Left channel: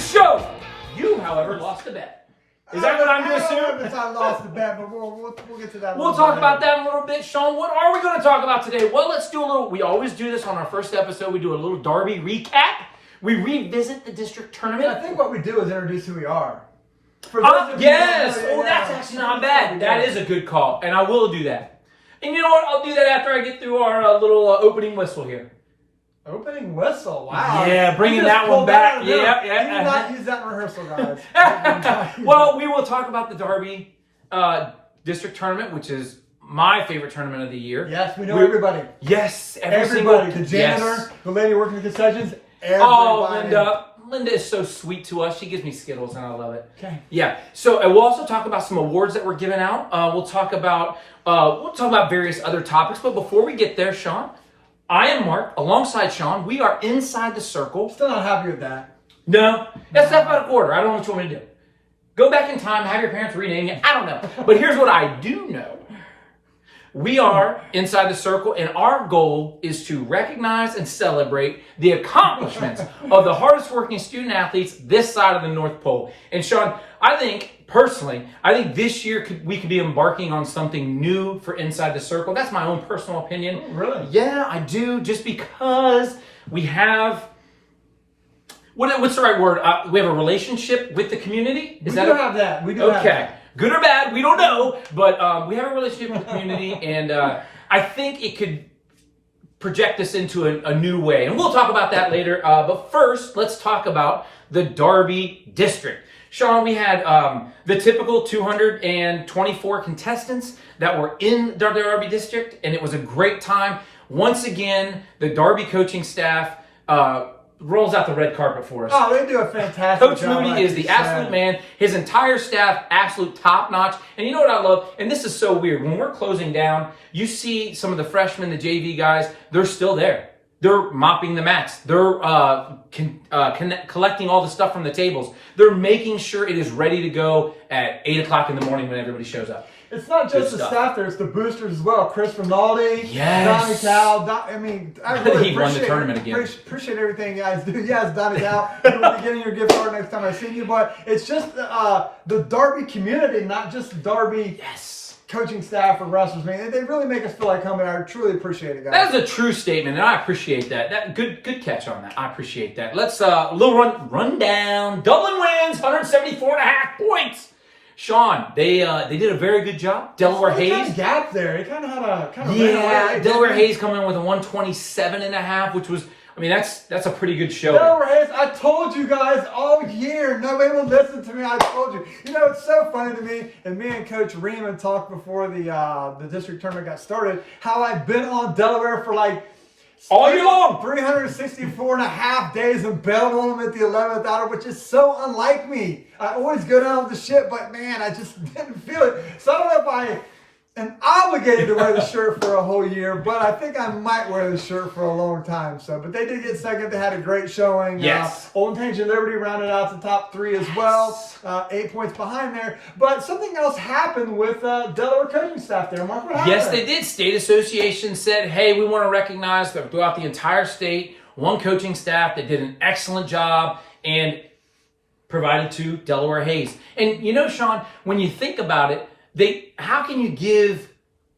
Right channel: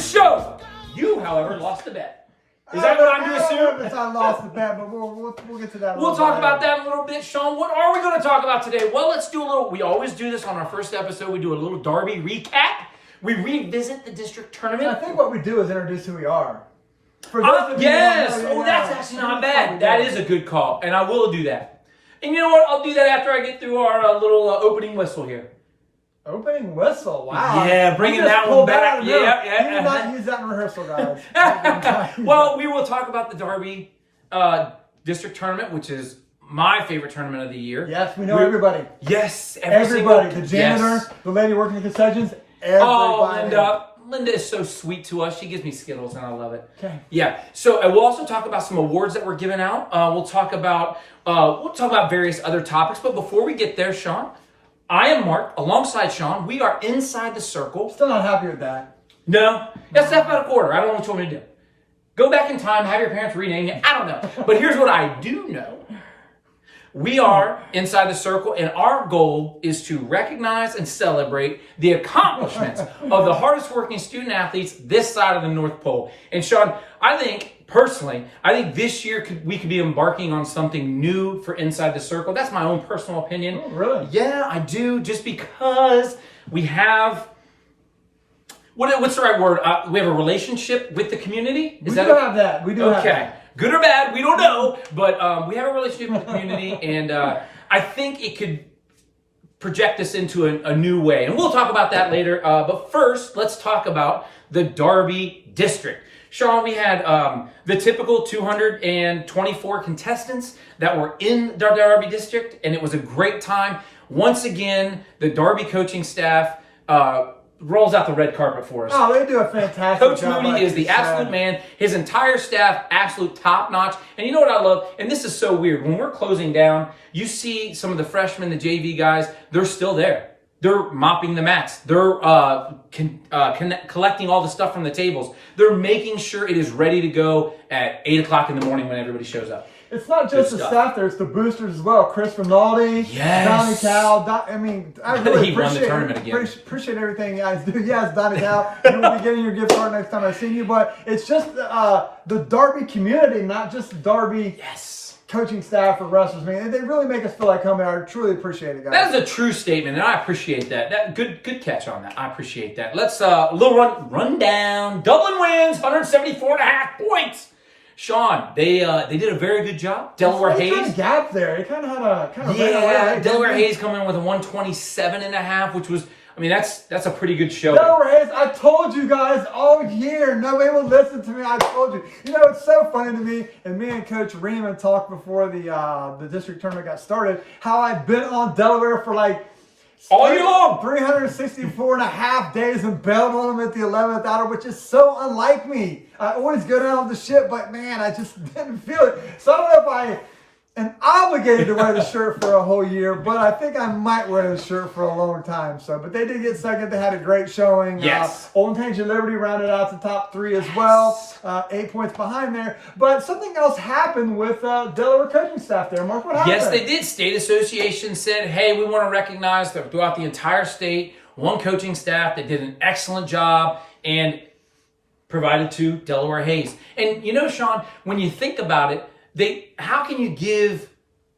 show. You, however, lost the bet. Is that what I'm to assume? I lost the bet, but we'll get to that. We'll talk about that in a little bit. Sean, what are we going to talk about today? Well, let's do a little, we always do this on our first episode. We do a little Darby recap. We revisit the district tournament. I think what we do is introduce who we are. For those of yes! you who don't know, That's actually not bad. That is a good call, and I will do that. And you know what? I'll do that after I get through our little opening whistle here. Opening whistle, wow. Yeah, bringing that one back. Yeah. You did not use that in rehearsal, guys. Well, we will talk about the Darby district tournament, which is my favorite tournament of the year. Yes, we know everybody. Yes, everybody. The janitor, the lady working the concessions, everybody. Oh, Linda is so sweet to us. She gives me Skittles, and I love it. Okay. Yeah. So we'll also talk about some awards that were given out. We'll talk about various other topics. But before we get there, Sean, I am Mark. Alongside Sean, we are inside the circle. Still not happy with that. No, that's alphabetical order. I don't know what you want me to do. Go back in time, have your parents rename you. I don't know. But here's what I do know. We are inside the circle, and our goal is to recognize and celebrate the accomplishments of the hardest working student athletes this side of the North Pole. And Sean, I think this year we could be embarking on something new for Inside the Circle. That's my own personal opinion. Oh, really? Yeah, I do. Just because we have, what's the right word? We have a relationship with the community. We do have that. Okay. Good or bad, we don't know, but we have a relationship with the community, and I think it could project us into a new way. And we'll talk about that later. But first, let's talk about the Darby district. Sean, we had the typical 224 contestants that were in the Darby district, and it was a great time. Once again, the Darby coaching staff rolls out the red carpet for us. Oh, they do a fantastic Coach job. Moody is the absolute man. His entire staff, absolute top notch. And you know what I love? And this is so weird. When we're closing down, you see some of the freshmen, the JV guys, they're still there. They're mopping the mats. They're collecting all the stuff from the tables. They're making sure it is ready to go at 8 o'clock in the morning when everybody shows up. It's not just the staff there, it's the boosters as well. Chris Rinaldi, Donnie Cal. I really he won the tournament again. Appreciate everything you guys do. Yes, Donnie Cal, you will be getting your gift card next time I see you. But it's just the Darby community, not just the Darby coaching staff or wrestlers. I mean, they really make us feel like home. I truly appreciate it, guys. That is a true statement, and I appreciate that. Good catch on that. I appreciate that. Let's a little rundown. Dublin wins, 174.5 points. Sean, they did a very good job. Delaware Hayes. Kind of gap there. He kind of had a Delaware Hayes coming in with a 127.5, which was, I mean, that's a pretty good show. Delaware Hayes, I told you guys all year. Nobody will listen to me. I told you. You know, it's so funny to me, and me and Coach Riemann talked before the district tournament got started, how I've been on Delaware for like all year long, 364 and a half days and bailed on them at the 11th hour, which is so unlike me. I always go down with the ship, but man, I just didn't feel it. So I don't know if I am obligated to wear the shirt for a whole year, but I think I might wear the shirt for a long time. But they did get second. They had a great showing. Yes. Old Tangent Liberty rounded out the top three as well. 8 points behind there. But something else happened with Delaware coaching staff there. Mark, what happened? Yes, they did. State Association said, hey, we want to recognize that throughout the entire state, one coaching staff that did an excellent job and provided to Delaware Hayes. And you know, Sean, when you think about it, how can you give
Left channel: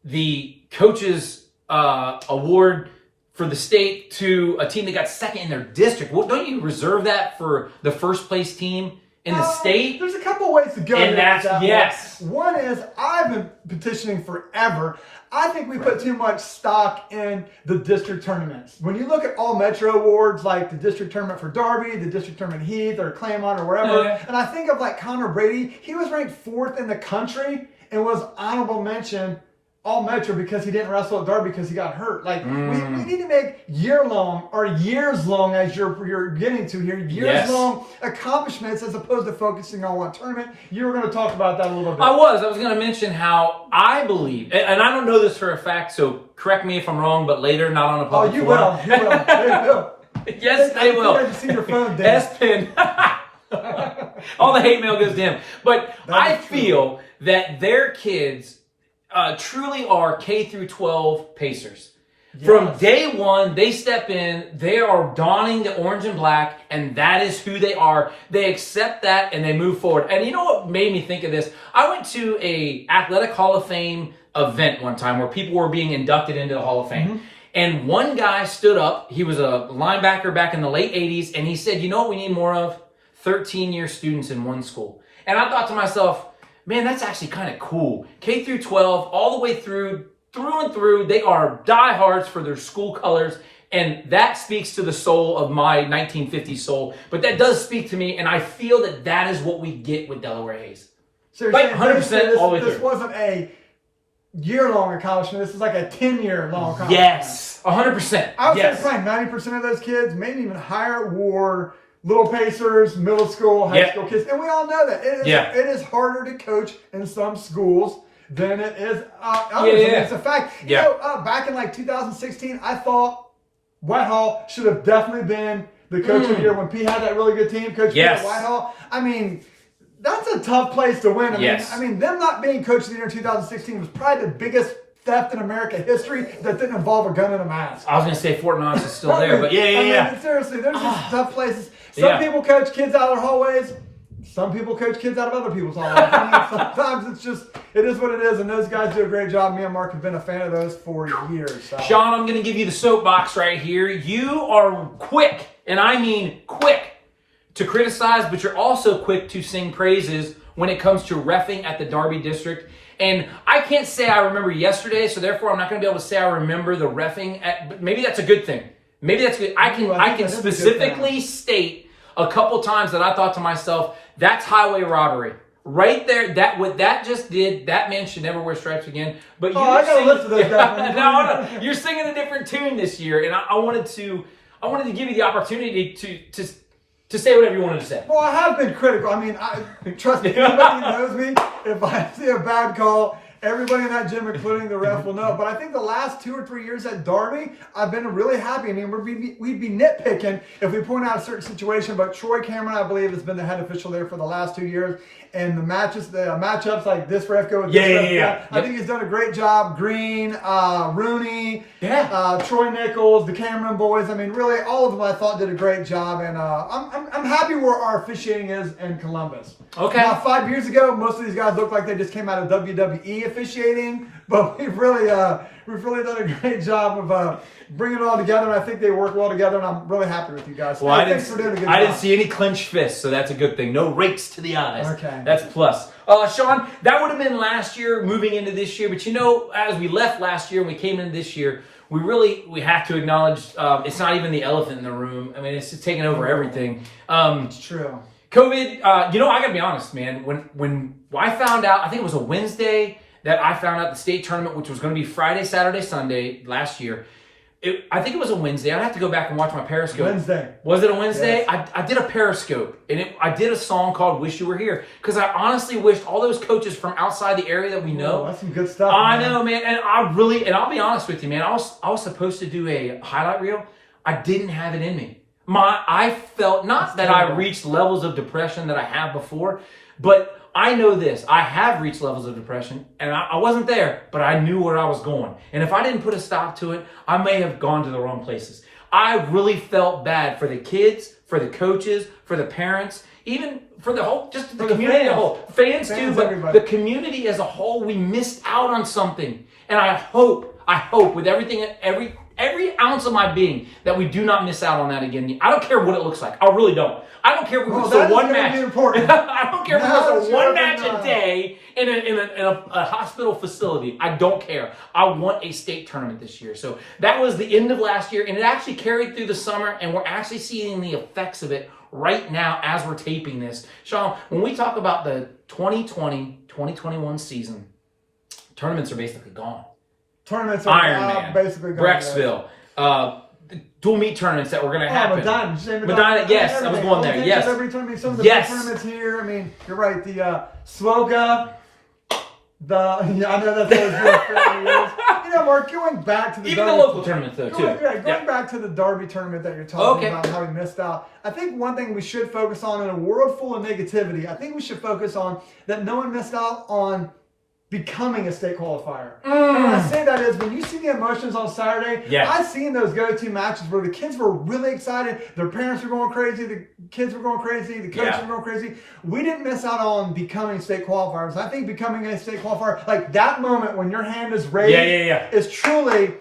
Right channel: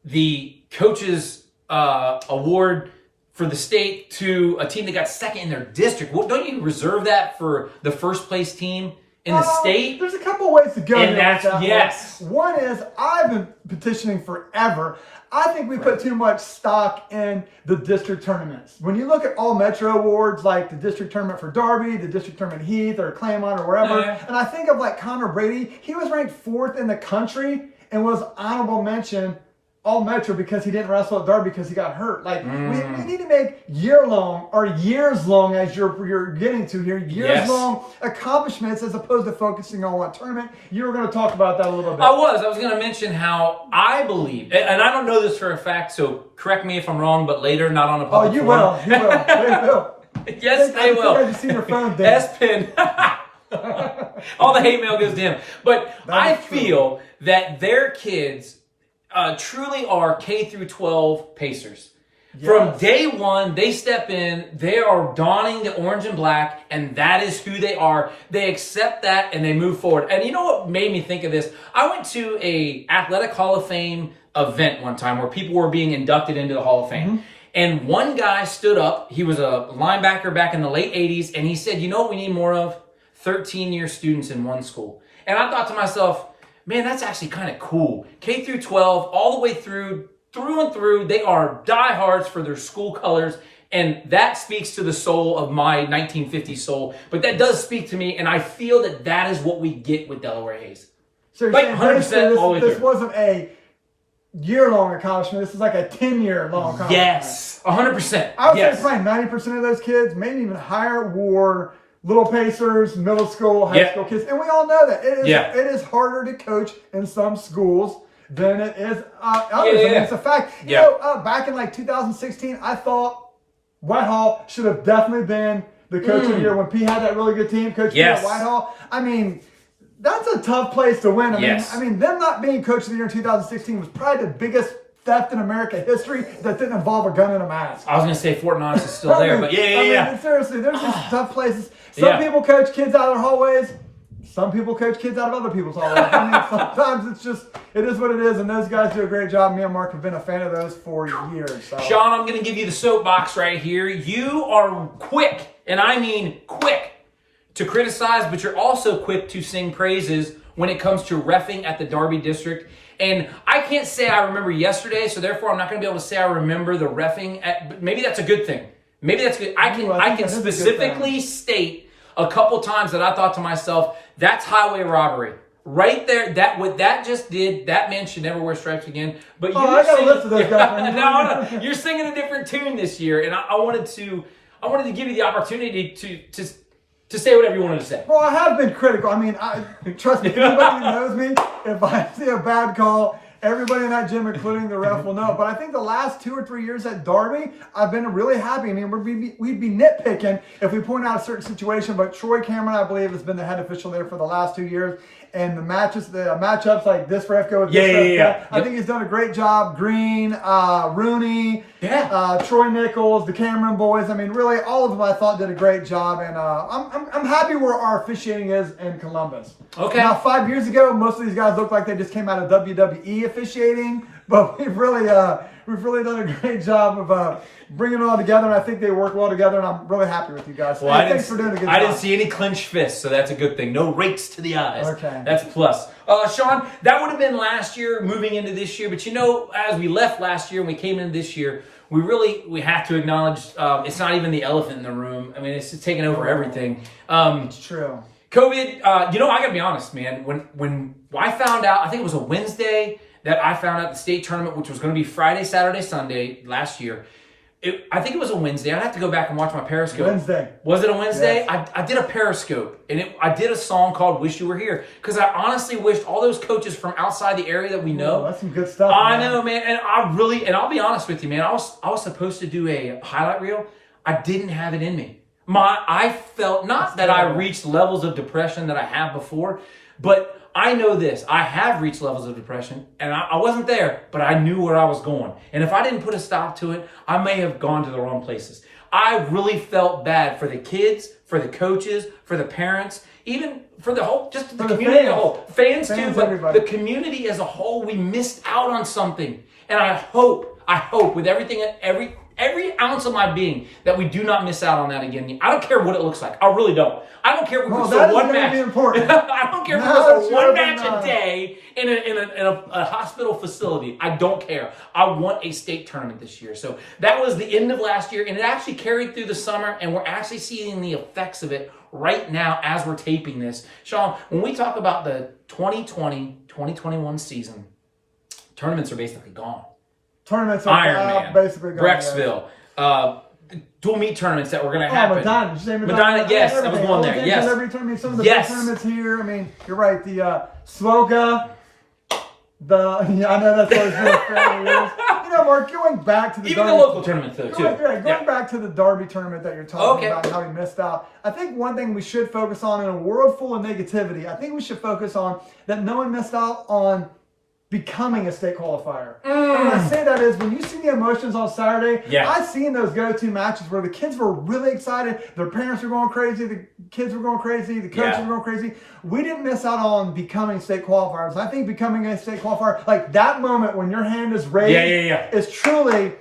the coaches award for the state to a team that got second in their district? Well, don't you reserve that for the first place team in the state? There's a couple ways to go. And that's, yes. One is, I've been petitioning forever. I think we put too much stock in the district tournaments. When you look at all Metro awards, like the district tournament for Darby, the district tournament Heath, or Claymont, or wherever, and I think of like Connor Brady, he was ranked 4th in the country and was honorable mention all Metro because he didn't wrestle at Darby because he got hurt. Like, we need to make year-long or years-long, as you're getting to here, years-long accomplishments as opposed to focusing on one tournament. You were going to talk about that a little bit. I was going to mention how I believe, and I don't know this for a fact, so correct me if I'm wrong, but later, not on a public forum. Will. They will. Yes, they will. I just seen your phone there. S-Pin. All the hate mail goes to him. But I feel that their kids truly are K through 12 pacers. From day one, they step in, they are donning the orange and black, and that is who they are. They accept that and they move forward. And you know what made me think of this? I went to a Athletic Hall of Fame event one time where people were being inducted into the Hall of Fame. And one guy stood up, he was a linebacker back in the late 80s, and he said, you know what we need more of? 13-year students in one school. And I thought to myself, man, that's actually kind of cool. K through 12, all the way through and through, they are diehards for their school colors, and that speaks to the soul of my 1950s soul. But that does speak to me, and I feel that that is what we get with Delaware Hayes. So like 100% all the way through. This wasn't a year-long accomplishment. This is like a 10-year long accomplishment. Yes, 100%. I would say probably 90% of those kids, maybe even higher, were little pacers, middle school, high school kids. And we all know that. It is harder to coach in some schools than it is others. I mean, it's a fact. You know, back in like 2016, I thought Whitehall should have definitely been the coach of the year when P had that really good team, Coach P at Whitehall. I mean, that's a tough place to win. I mean, them not being coach of the year in 2016 was probably the biggest theft in American history that didn't involve a gun and a mask. I was going to say Fort Knox is still there, but I mean, seriously, there's just tough places. Some people coach kids out of their hallways. Some people coach kids out of other people's hallways. I mean, sometimes it is what it is, and those guys do a great job. Me and Mark have been a fan of those for years. So. Sean, I'm going to give you the soapbox right here. You are quick, and I mean quick, to criticize, but you're also quick to sing praises when it comes to reffing at the Darby District. And I can't say I remember yesterday, so therefore I'm not going to be able to say I remember the reffing. But maybe that's a good thing. Maybe that's good. I can specifically state a couple times that I thought to myself, that's highway robbery. Right there, that what that just did, that man should never wear stripes again. But I got a list of those guys. No, you're singing a different tune this year, and I wanted to give you the opportunity to say whatever you wanted to say. Well, I have been critical. I mean, trust me, anybody who knows me, if I see a bad call, everybody in that gym, including the ref, will know. But I think the last 2 or 3 years at Darby, I've been really happy. I mean, we'd be nitpicking if we point out a certain situation, but Troy Cameron, I believe, has been the head official there for the last 2 years. And the matchups like this ref go with this ref. I think he's done a great job. Green, Rooney, Troy Nichols, the Cameron boys. I mean, really, all of them I thought did a great job. And I'm happy where our officiating is in Columbus. Okay. Now, 5 years ago, most of these guys looked like they just came out of WWE officiating, but we've really done a great job of bringing it all together, and I think they work well together, and I'm really happy with you guys. Well, I didn't see any clenched fists, so that's a good thing. No rakes to the eyes. Okay. That's a plus. Sean, that would have been last year moving into this year, but you know, as we left last year and we came into this year, we have to acknowledge it's not even the elephant in the room. I mean, it's just taking over everything. It's true. COVID, I got to be honest, man. When I found out, I think it was a Wednesday that I found out the state tournament, which was going to be Friday, Saturday, Sunday last year. I think it was a Wednesday. I'd have to go back and watch my Periscope. Wednesday. Was it a Wednesday? Yes. I did a Periscope, and I did a song called Wish You Were Here, because I honestly wished all those coaches from outside the area that we know. Oh, that's some good stuff. I know, man. And I'll be honest with you, man. I was supposed to do a highlight reel. I didn't have it in me. I felt not that I reached levels of depression that I have before, but I know this. I have reached levels of depression, and I wasn't there, but I knew where I was going. And if I didn't put a stop to it, I may have gone to the wrong places. I really felt bad for the kids, for the coaches, for the parents, even for the whole, just the community as a whole. Fans too, but everybody. The community as a whole, we missed out on something. And I hope with everything, every ounce of my being that we do not miss out on that again. I don't care what it looks like. I really don't. I don't care if we were still one match. I don't care if we were still one match a day in a hospital facility. I don't care. I want a state tournament this year. So that was the end of last year, and it actually carried through the summer, and we're actually seeing the effects of it right now as we're taping this. Sean, when we talk about the 2020-2021 season, tournaments are basically gone. Tournaments are basically gone. Brecksville. Dual meet tournaments that were going to happen. Medina, yes, I was going there. Yes. Every tournament, some of the big tournaments here. I mean, you're right. The Sloga, I know that's always been a fairly years. You know, Mark, going back to the Darby, the local tournaments though too. Going back to the Darby tournament that you're talking about and how we missed out. I think one thing we should focus on in a world full of negativity, I think we should focus on that no one missed out on becoming a state qualifier. And when I say that is when you see the emotions on Saturday, I've seen those go-to matches where the kids were really excited, their parents were going crazy, the kids were going crazy, the coaches were going crazy. We didn't miss out on becoming state qualifiers. I think becoming a state qualifier, like that moment when your hand is raised, is truly,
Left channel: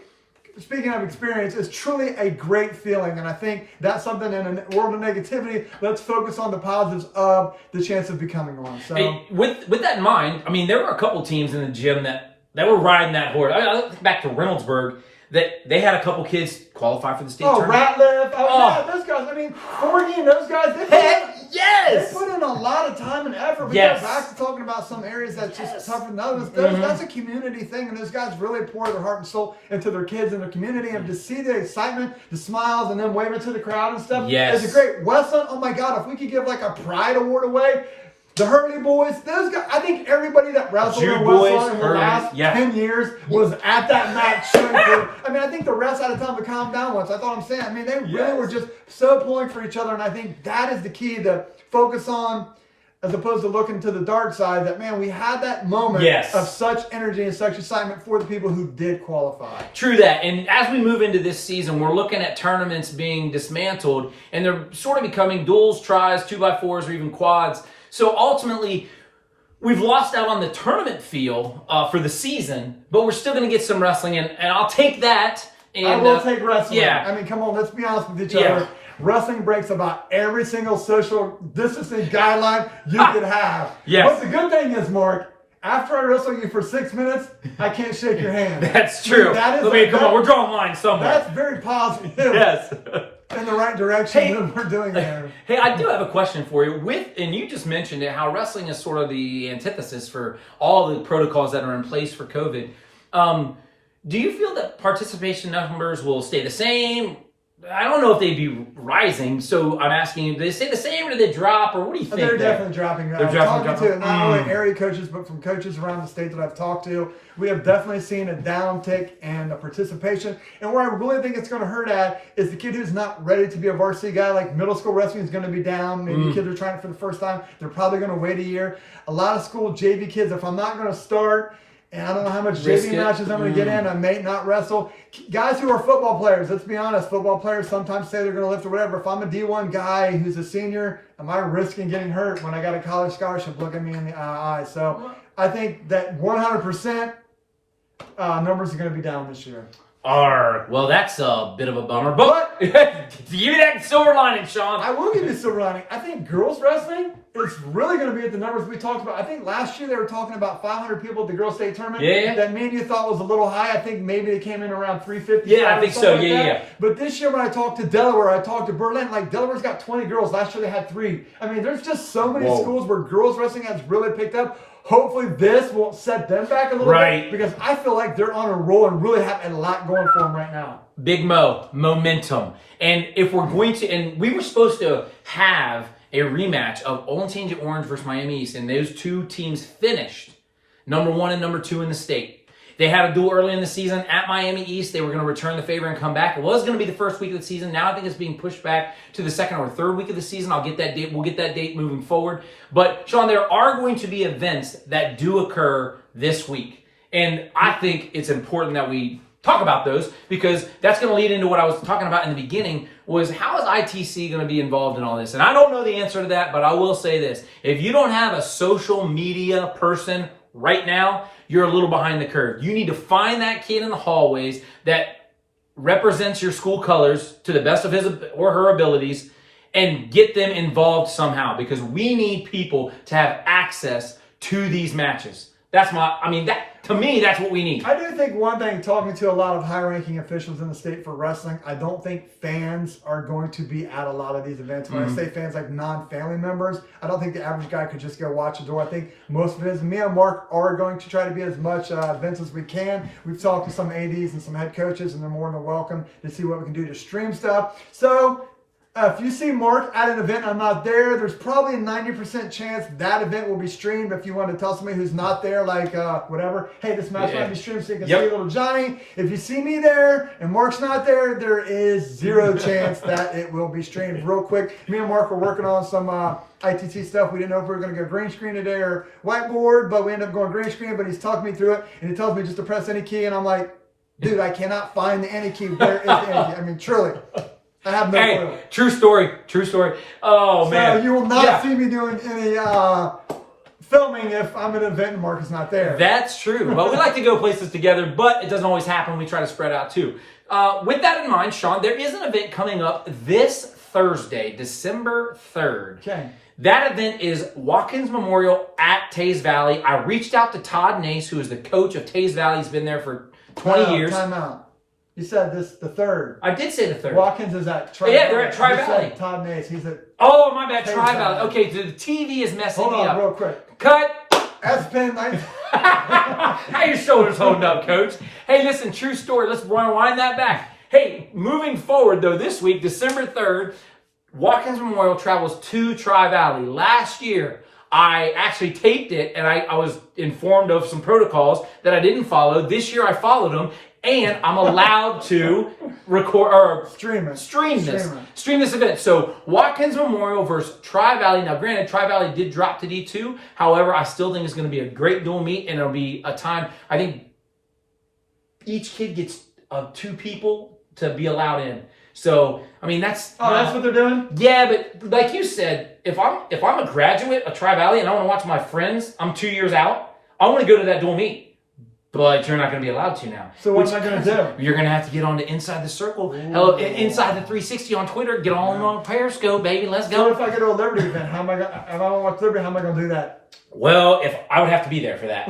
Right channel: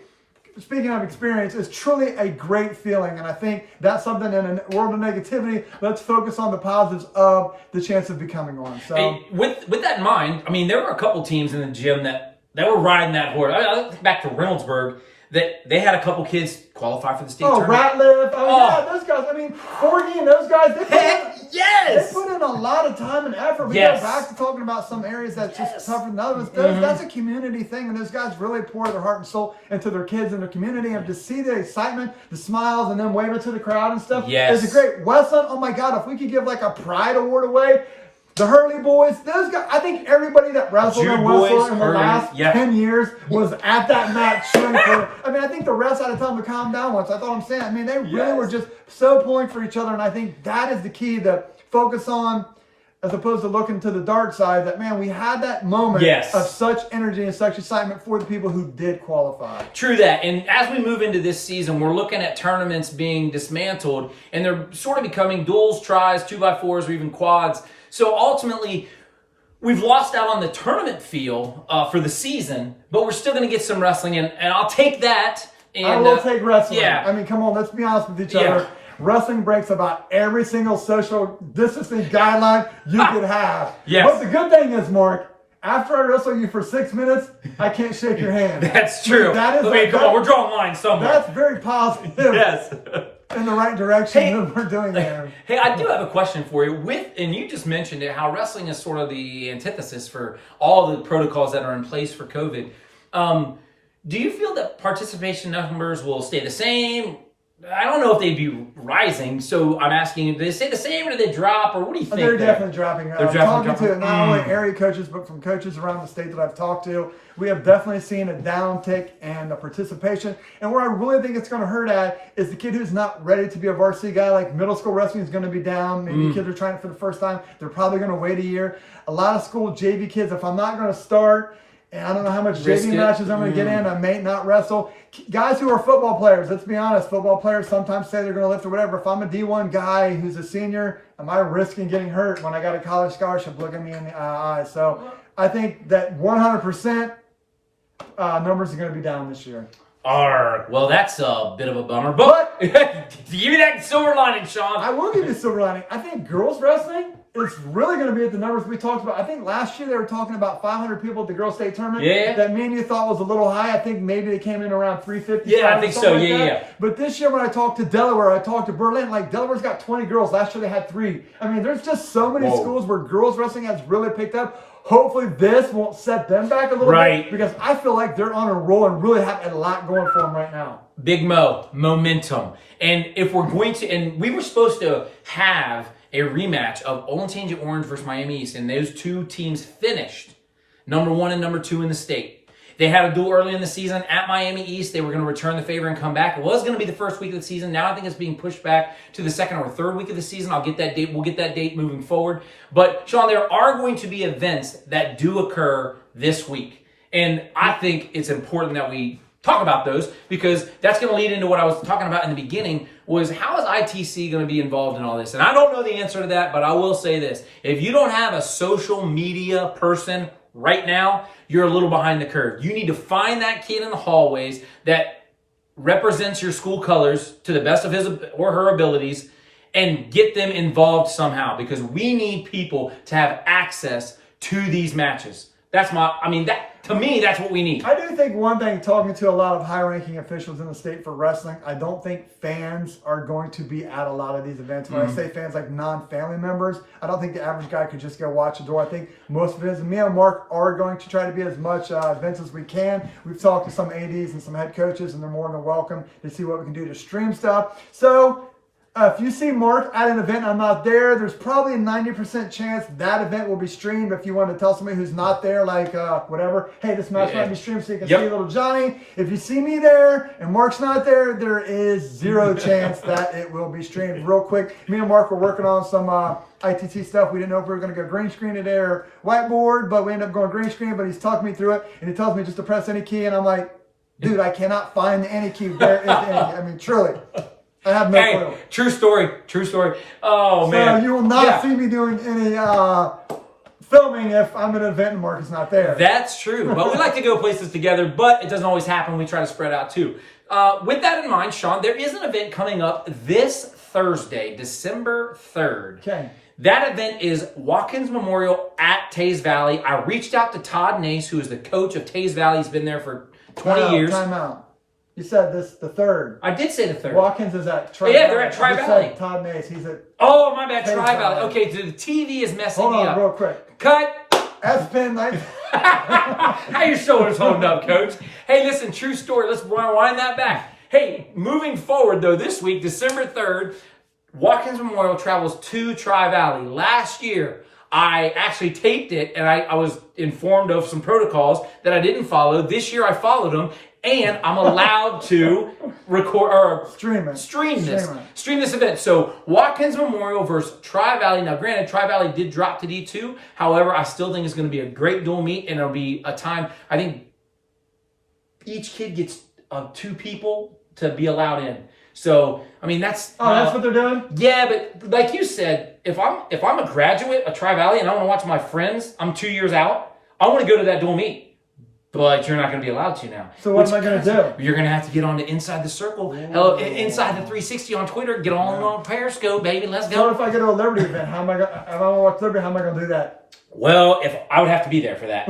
speaking of experience, is truly a great feeling. And I think that's something in a world of negativity, let's focus on the positives of the chance of becoming one. So hey, with that in mind, I mean, there were a couple teams in the gym that were riding that horse. I think back to Reynoldsburg, that they had a couple kids qualify for the state tournament. Ratliff. Yeah, those guys. I mean, Forgy and those guys, they put in a lot of time and effort. We go back to talking about some areas that's just tougher than others. That's a community thing, and those guys really pour their heart and soul into their kids and their community. And to see the excitement, the smiles, and then waving to the crowd and stuff is a great. Westland, oh my God, if we could give like a pride award away. The Hurley boys, those guys, I think everybody that wrestled in Westland in the last 10 years was at that match cheering for. I mean, I think the refs had to tell them to calm down once. That's all I'm saying. I mean, they really were just so pulling for each other, and I think that is the key to focus on as opposed to looking to the dark side, that, man, we had that moment of such energy and such excitement for the people who did qualify. True that. And as we move into this season, we're looking at tournaments being dismantled, and they're sort of becoming duels, tries, 2x4s, or even quads. So ultimately, we've lost out on the tournament feel for the season, but we're still going to get some wrestling in, and I'll take that. And, I will take wrestling. I mean, come on, let's be honest with each other. Wrestling breaks about every single social distancing guideline you could have. But the good thing is, Mark, after I wrestle you for 6 minutes, I can't shake your hand. That's true. That is come on, we're drawing lines somewhere. That's very positive. In the right direction that we're doing there. Hey, I do have a question for you. And you just mentioned it, how wrestling is sort of the antithesis for all the protocols that are in place for COVID. Do you feel that participation numbers will stay the same? I don't know if they'd be rising, so I'm asking, do they stay the same or do they drop, or what do you think? They're definitely dropping. They're talking to not only area coaches, but from coaches around the state that I've talked to. We have definitely seen a downtick in the participation. And where I really think it's going to hurt at is the kid who's not ready to be a varsity guy. Like middle school wrestling is going to be down. Maybe kids are trying it for the first time. They're probably going to wait a year. A lot of school JV kids, if I'm not going to start, and I don't know how much JV matches I'm going to get in, I may not wrestle. Guys who are football players, let's be honest, football players sometimes say they're going to lift or whatever. If I'm a D1 guy who's a senior, am I risking getting hurt when I got a college scholarship looking me in the eye? So I think that 100% numbers are going to be down this year. Well, that's a bit of a bummer. But give me that silver lining, Sean. I will give you silver lining. I think girls wrestling is really going to be at the numbers we talked about. I think last year they were talking about 500 people at the girls' state tournament. That me and you thought was a little high. I think maybe they came in around 350. Yeah, I think so. But this year when I talked to Delaware, I talked to Berlin. Like Delaware's got 20 girls. Last year they had 3. I mean, there's just so many schools where girls wrestling has really picked up. Hopefully this won't set them back a little bit, because I feel like they're on a roll and really have a lot going for them right now. Big momentum. And if we're going to, and we were supposed to have a rematch of Olentangy Orange versus Miami East, and those two teams finished number 1 and number 2 in the state. They had a duel early in the season at Miami East. They were going to return the favor and come back. It was going to be the first week of the season. Now I think it's being pushed back to the second or third week of the season. I'll get that date. We'll get that date moving forward. But, Sean, there are going to be events that do occur this week. And I think it's important that we talk about those, because that's going to lead into what I was talking about in the beginning, was how is ITC going to be involved in all this? And I don't know the answer to that, but I will say this. If you don't have a social media person right now, you're a little behind the curve. You need to find that kid in the hallways that represents your school colors to the best of his or her abilities and get them involved somehow, because we need people to have access to these matches. To me, that's what we need. I do think one thing, talking to a lot of high-ranking officials in the state for wrestling, I don't think fans are going to be at a lot of these events. When I say fans, like non-family members, I don't think the average guy could just go watch a door. I think most events, me and Mark are going to try to be as much events as we can. We've talked to some ADs and some head coaches, and they're more than welcome to see what we can do to stream stuff. So if you see Mark at an event and I'm not there, there's probably a 90% chance that event will be streamed. If you want to tell somebody who's not there, like whatever, hey, this match might be streamed so you can see little Johnny. If you see me there and Mark's not there, there is 0 chance that it will be streamed. Real quick, me and Mark were working on some ITC stuff. We didn't know if we were going to go green screen today or whiteboard, but we ended up going green screen. But he's talking me through it, and he tells me just to press any key, and I'm like, dude, I cannot find the any key. Where is the any key? I mean, truly, I have no clue. True story. True story. Oh, man. So you will not see me doing any filming if I'm at an event and Mark is not there. That's true. But we like to go places together, but it doesn't always happen. We try to spread out too. With that in mind, Sean, there is an event coming up this Thursday, December 3rd. Okay. That event is Watkins Memorial at Taze Valley. I reached out to Todd Nace, who is the coach of Taze Valley. He's been there for 20 years. Time out. You said this the 3rd. I did say the 3rd. Watkins is at Tri Valley. Yeah, they're at Tri Valley. Todd Nace, he's at... Oh, my bad, Tri Valley. Okay, the TV is messing me up. Hold on, real quick. Cut. S-Pen night. How your shoulders holding up, Coach? Hey, listen, true story. Let's rewind that back. Hey, moving forward, though, this week, December 3rd, Watkins Memorial travels to Tri Valley. Last year, I actually taped it, and I was informed of some protocols that I didn't follow. This year, I followed them, and I'm allowed to record or stream this event. So Watkins Memorial versus Tri Valley. Now, granted, Tri Valley did drop to D2. However, I still think it's going to be a great dual meet, and it'll be a time. I think each kid gets 2 people to be allowed in. So, I mean, that's... Oh, that's what they're doing? Yeah, but like you said, if I'm a graduate of Tri Valley and I want to watch my friends, I'm 2 years out, I want to go to that dual meet. But you're not going to be allowed to now. So what am I going to do? You're going to have to get on to Inside the Circle. Hello, Inside the 360 on Twitter. Get on Periscope, baby. Let's go. So if I go to a Liberty event, if I want to watch Liberty, how am I going to do that? Well, if I would have to be there for that.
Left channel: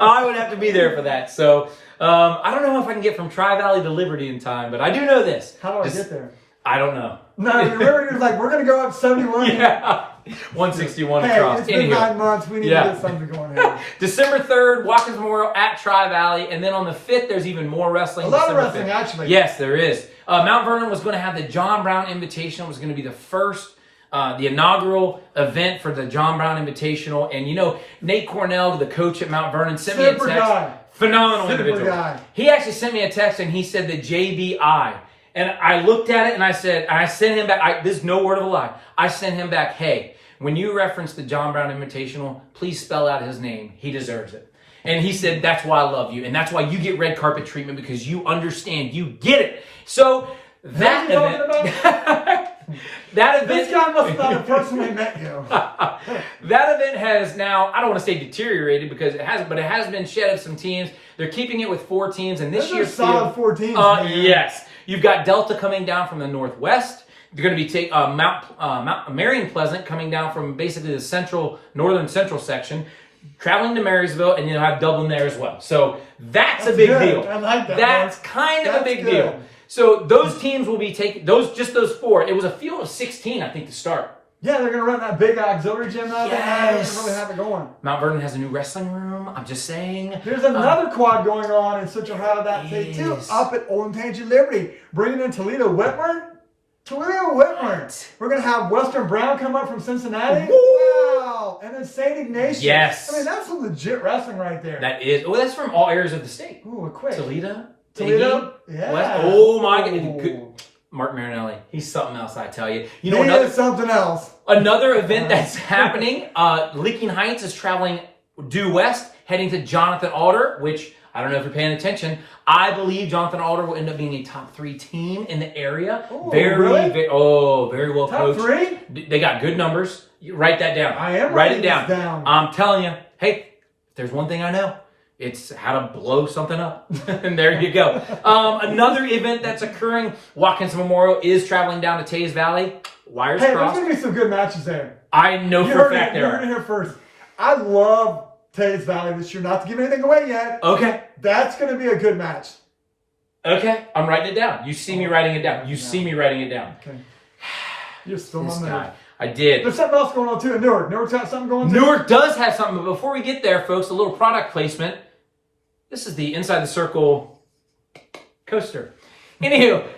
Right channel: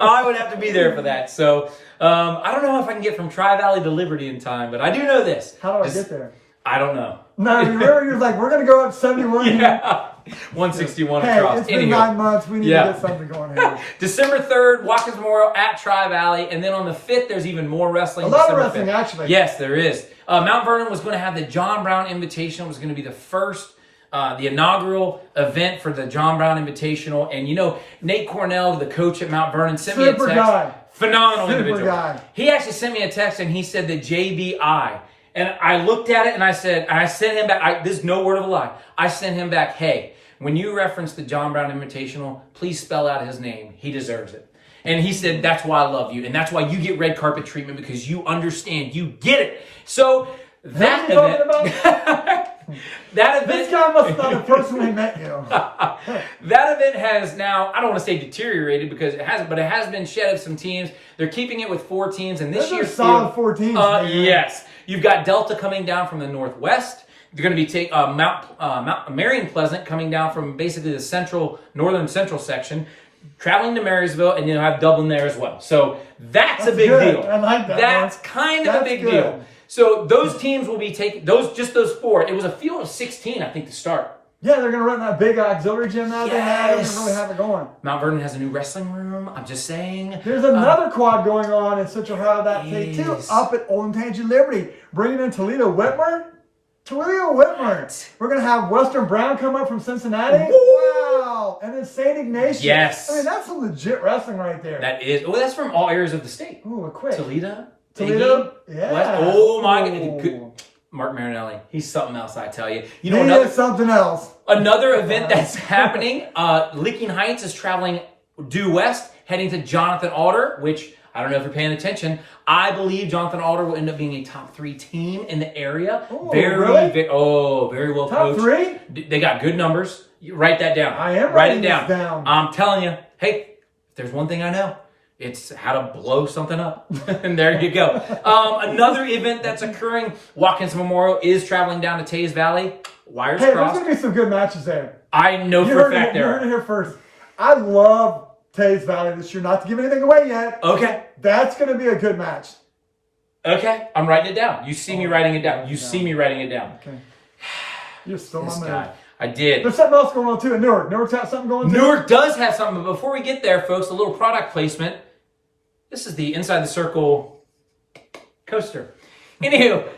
I would have to be there for that. So I don't know if I can get from Tri Valley to Liberty in time, but I do know this. How do I get there? I don't know. No, you remember you're like, we're going to go up 71 yeah. 161 hey, across. It's been 9 months. We need to get something going here. December 3rd, Watkins Memorial at Tri Valley. And then on the 5th, there's even more wrestling. A lot December of wrestling, 5th. actually. Yes, there is. Mount Vernon was going to have the John Brown Invitational. It was going to be the first, the inaugural event for the John Brown Invitational. And, you know, Nate Cornell, the coach at Mount Vernon, sent me a text. Guy. Phenomenal Super individual. Guy. He actually sent me a text and he said the JBI. And I looked at it and I sent him back. This is no word of a lie. I sent him back, hey, when you reference the John Brown Invitational, please spell out his name. He deserves it. And he said, that's why I love you. And that's why you get red carpet treatment, because you understand. You get it. So that event... That event, this guy must not have personally met you. That event has now, I don't want to say deteriorated because it hasn't, but it has been shed of some teams. They're keeping it with 4 teams, and this year's solid 4 teams. Yes, you've got Delta coming down from the northwest. They're going to be Mount Marion Pleasant coming down from basically the northern central section, traveling to Marysville, and you'll have Dublin there as well. So that's a big deal. I like that. That's kind of a big deal. So those teams will be taking those 4. It was a field of 16, I think, to start. Yeah, they're going to run that big auxiliary gym out there. They're going to really have it going. Mount Vernon has a new wrestling room. I'm just saying. There's another quad going on in Central Ohio that day too, up at Old Tangy Liberty, bringing in Toledo Whitmer. We're going to have Western Brown come up from Cincinnati. Woo! Wow. And then St. Ignatius. Yes. I mean, that's some legit wrestling right there. That is. Well, that's from all areas of the state. Ooh, quick. Toledo. Yeah. West, oh, my God. Mark Marinelli. He's something else, I tell you. You know, he is something else. Another event that's happening, Licking Heights is traveling due west, heading to Jonathan Alder, which, I don't know if you're paying attention, I believe Jonathan Alder will end up being a top 3 team in the area. Ooh, really? Very well top coached. Top 3? They got good numbers. You write that down. I am writing it down. I'm telling you, hey, if there's one thing I know, it's how to blow something up. And there you go. Another event that's occurring, Watkins Memorial is traveling down to Taze Valley. Wires hey, crossed. there's going to be some good matches there. I know for a fact there are. You're going to hear first. I love Taze Valley this year. Not to give anything away yet. Okay. That's going to be a good match. Okay. I'm writing it down. You see me writing it down. You see me writing it down. Okay. You're still on guy. I did. There's something else going on too in Newark. Newark's got something going on too. Newark does have something, but before we get there, folks, a little product placement. This is the Inside the Circle coaster. Anywho,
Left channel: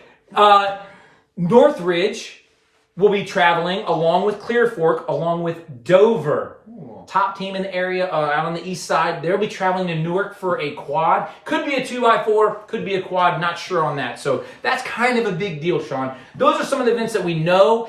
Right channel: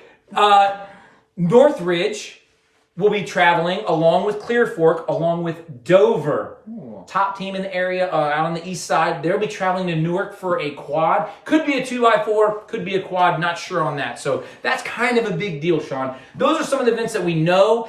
Northridge will be traveling along with Clear Fork, along with Dover. Ooh. Top team in the area out on the east side. They'll be traveling to Newark for a quad. Could be a 2x4, could be a quad, not sure on that. So that's kind of a big deal, Sean. Those are some of the events that we know.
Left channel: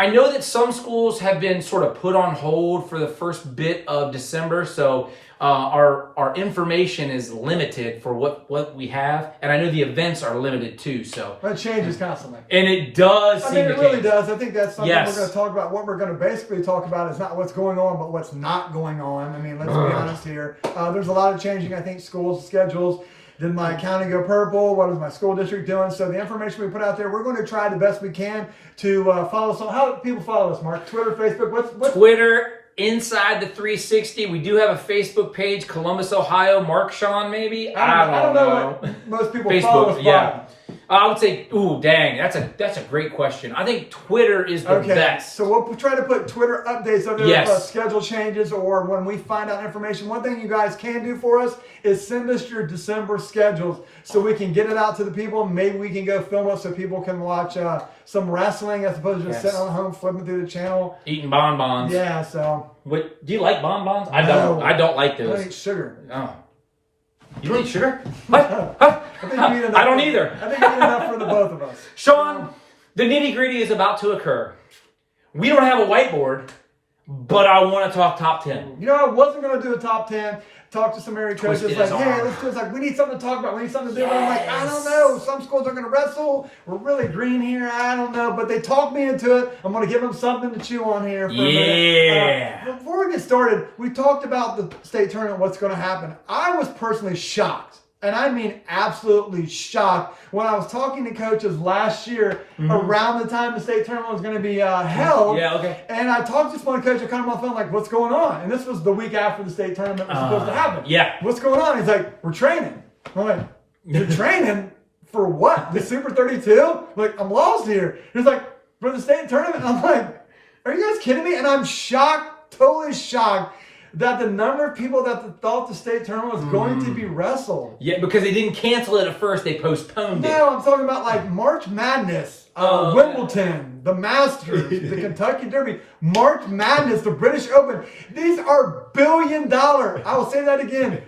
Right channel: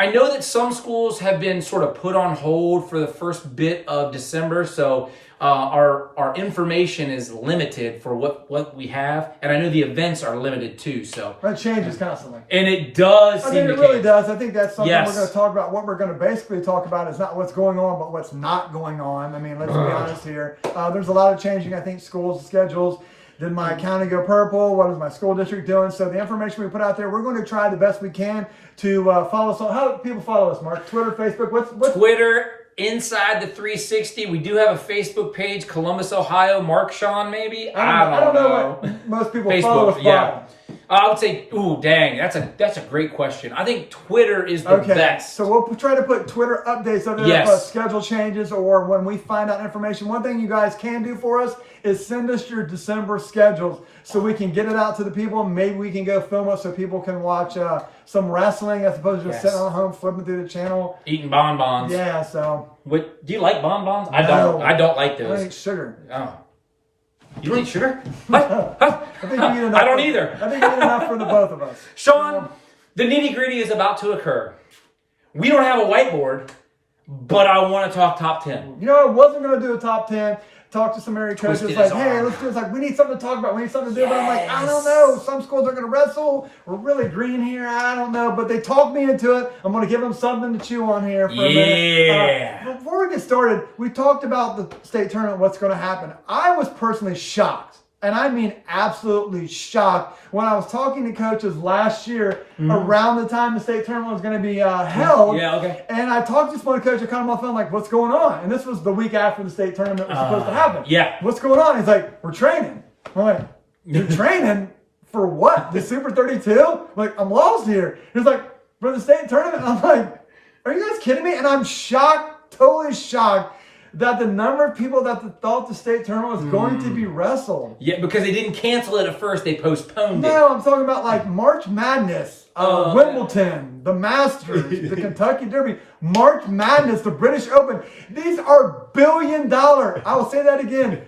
I know that some schools have been sort of put on hold for the first bit of December, so our information is limited for what we have, and I know the events are limited too. So It changes constantly. and it does. I mean, it really does. I think that's something Yes. we're going to talk about. What we're going to basically talk about is not what's going on, but what's not going on. I mean, let's be honest here. There's a lot of changing, I think, schools' schedules. Did my county go purple? What is my school district doing? So the information we put out there, we're going to try the best we can to follow us. How do people follow us, Mark? Twitter, Facebook? What's Twitter, Inside the 360. We do have a Facebook page, Columbus, Ohio. Mark Sean, maybe? I don't know what most people follow us by. yeah. I would say, ooh, dang, that's a great question. I think Twitter is the best. So we'll try to put Twitter updates on there Yes. if schedule changes or when we find out information. One thing you guys can do for us is send us your December schedules so we can get it out to the people. Maybe we can go film it so people can watch some wrestling as opposed to just sitting on home flipping through the channel. Eating bonbons. Yeah, so. What, do you like bonbons? I No. don't. I don't like I don't eat those. sugar. Oh. You don't eat sugar? What? Huh? I think we eat enough I don't either. I think we eat enough for the both of us. Sean, the nitty-gritty is about to occur. We don't have a whiteboard, but I want to talk top 10. You know, I wasn't going to do a top 10. Talk to some area coaches Twisted like, his hey, arm. let's do it. It's like, we need something to talk about. We need something to do. But I'm like, I don't know. Some schools are going to wrestle. We're really green here. I don't know. But they talked me into it. I'm going to give them something to chew on here for a minute. Before we get started, we talked about the state tournament, what's going to happen. I was personally shocked. And I mean absolutely shocked when I was talking to coaches last year around the time the state tournament was going to be held. Yeah, okay. And I talked to this one coach, I called him on the phone, like, what's going on? And this was the week after the state tournament was supposed to happen. Yeah. What's going on? He's like, we're training. I'm like, you're training for what? The Super 32? Like, I'm lost here. He's like, for the state tournament? I'm like, are you guys kidding me? And I'm shocked, totally shocked, that the number of people that thought the state tournament was going to be wrestled. Yeah, because they didn't cancel it at first. They postponed it. No, I'm talking about like March Madness, Wimbledon, the Masters, the Kentucky Derby, March Madness, the British Open. These are billion-dollar, I will say that again,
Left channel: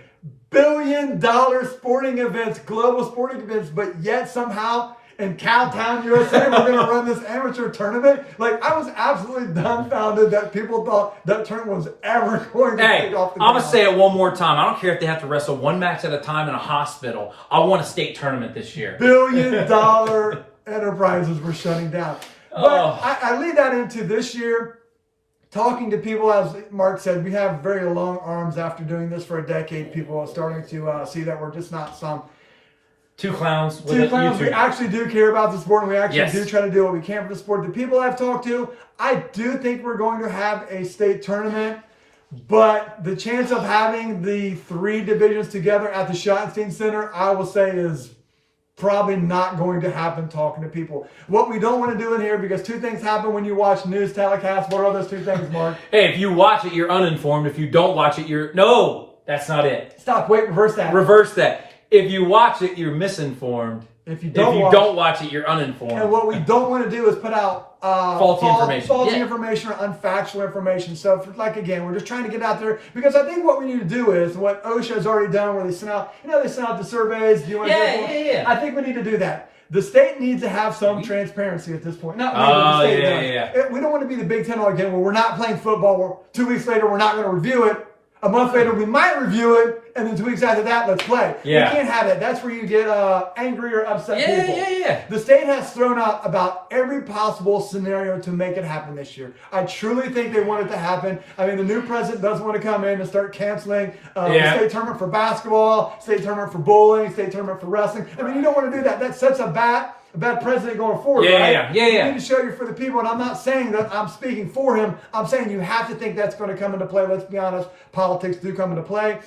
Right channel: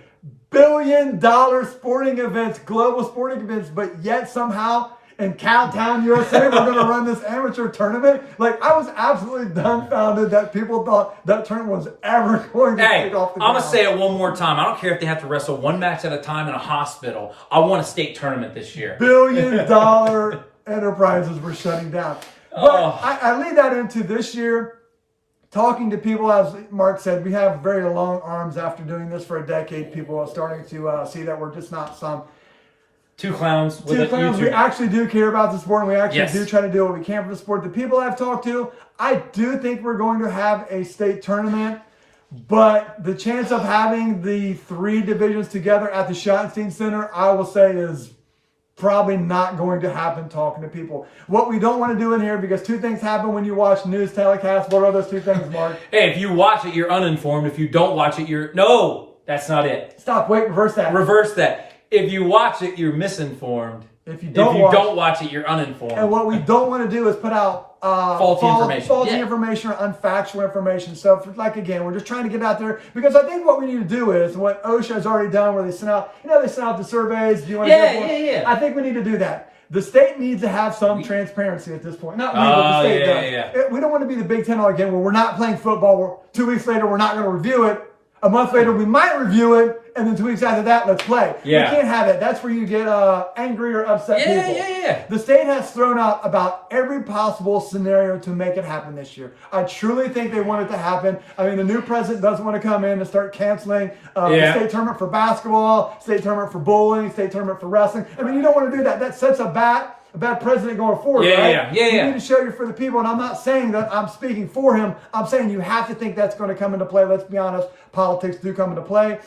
billion-dollar sporting events, global sporting events, but yet somehow in Cowtown, USA, we're going to run this amateur tournament. Like, I was absolutely dumbfounded that people thought that tournament was ever going to take off the ground. I'm going to say it one more time. I don't care if they have to wrestle one match at a time in a hospital. I want a state tournament this year. Billion-dollar enterprises were shutting down. But I lead that into this year, talking to people, as Mark said, we have very long arms after doing this for a decade. People are starting to see that we're just not some Two clowns. We actually do care about the sport, and we actually do try to do what we can for the sport. The people I've talked to, I do think we're going to have a state tournament, but the chance of having the three divisions together at the Schottenstein Center, I will say, is probably not going to happen talking to people. What we don't want to do in here, because two things happen when you watch news telecasts. What are those two things, Mark? Hey, if you watch it, you're uninformed. If you don't watch it, you're... No, that's not it. Stop. Wait, reverse that. Reverse that. If you watch it, you're misinformed. If you don't watch it, you're uninformed. And what we don't want to do is put out faulty information or unfactual information. So, again, we're just trying to get out there, because I think what we need to do is what OSHA has already done, where they sent out, they sent out the surveys. Do you want to Yeah. I think we need to do that. The state needs to have some transparency at this point. Not we, but the state does. We don't want to be the Big Ten all again, where we're not playing football. 2 weeks later, we're not going to review it. A month later, we might review it, and then 2 weeks after that, let's play. Yeah. We can't have it. That's where you get angry or upset people. Yeah. The state has thrown out about every possible scenario to make it happen this year. I truly think they want it to happen. I mean, the new president doesn't want to come in and start canceling the state tournament for basketball, state tournament for bowling, state tournament for wrestling. I mean, you don't want to do that. That sets a bad president going forward, right? You need to show you're for the people, and I'm not saying that I'm speaking for him. I'm saying you have to think that's going to come into play. Let's be honest, politics do come into play.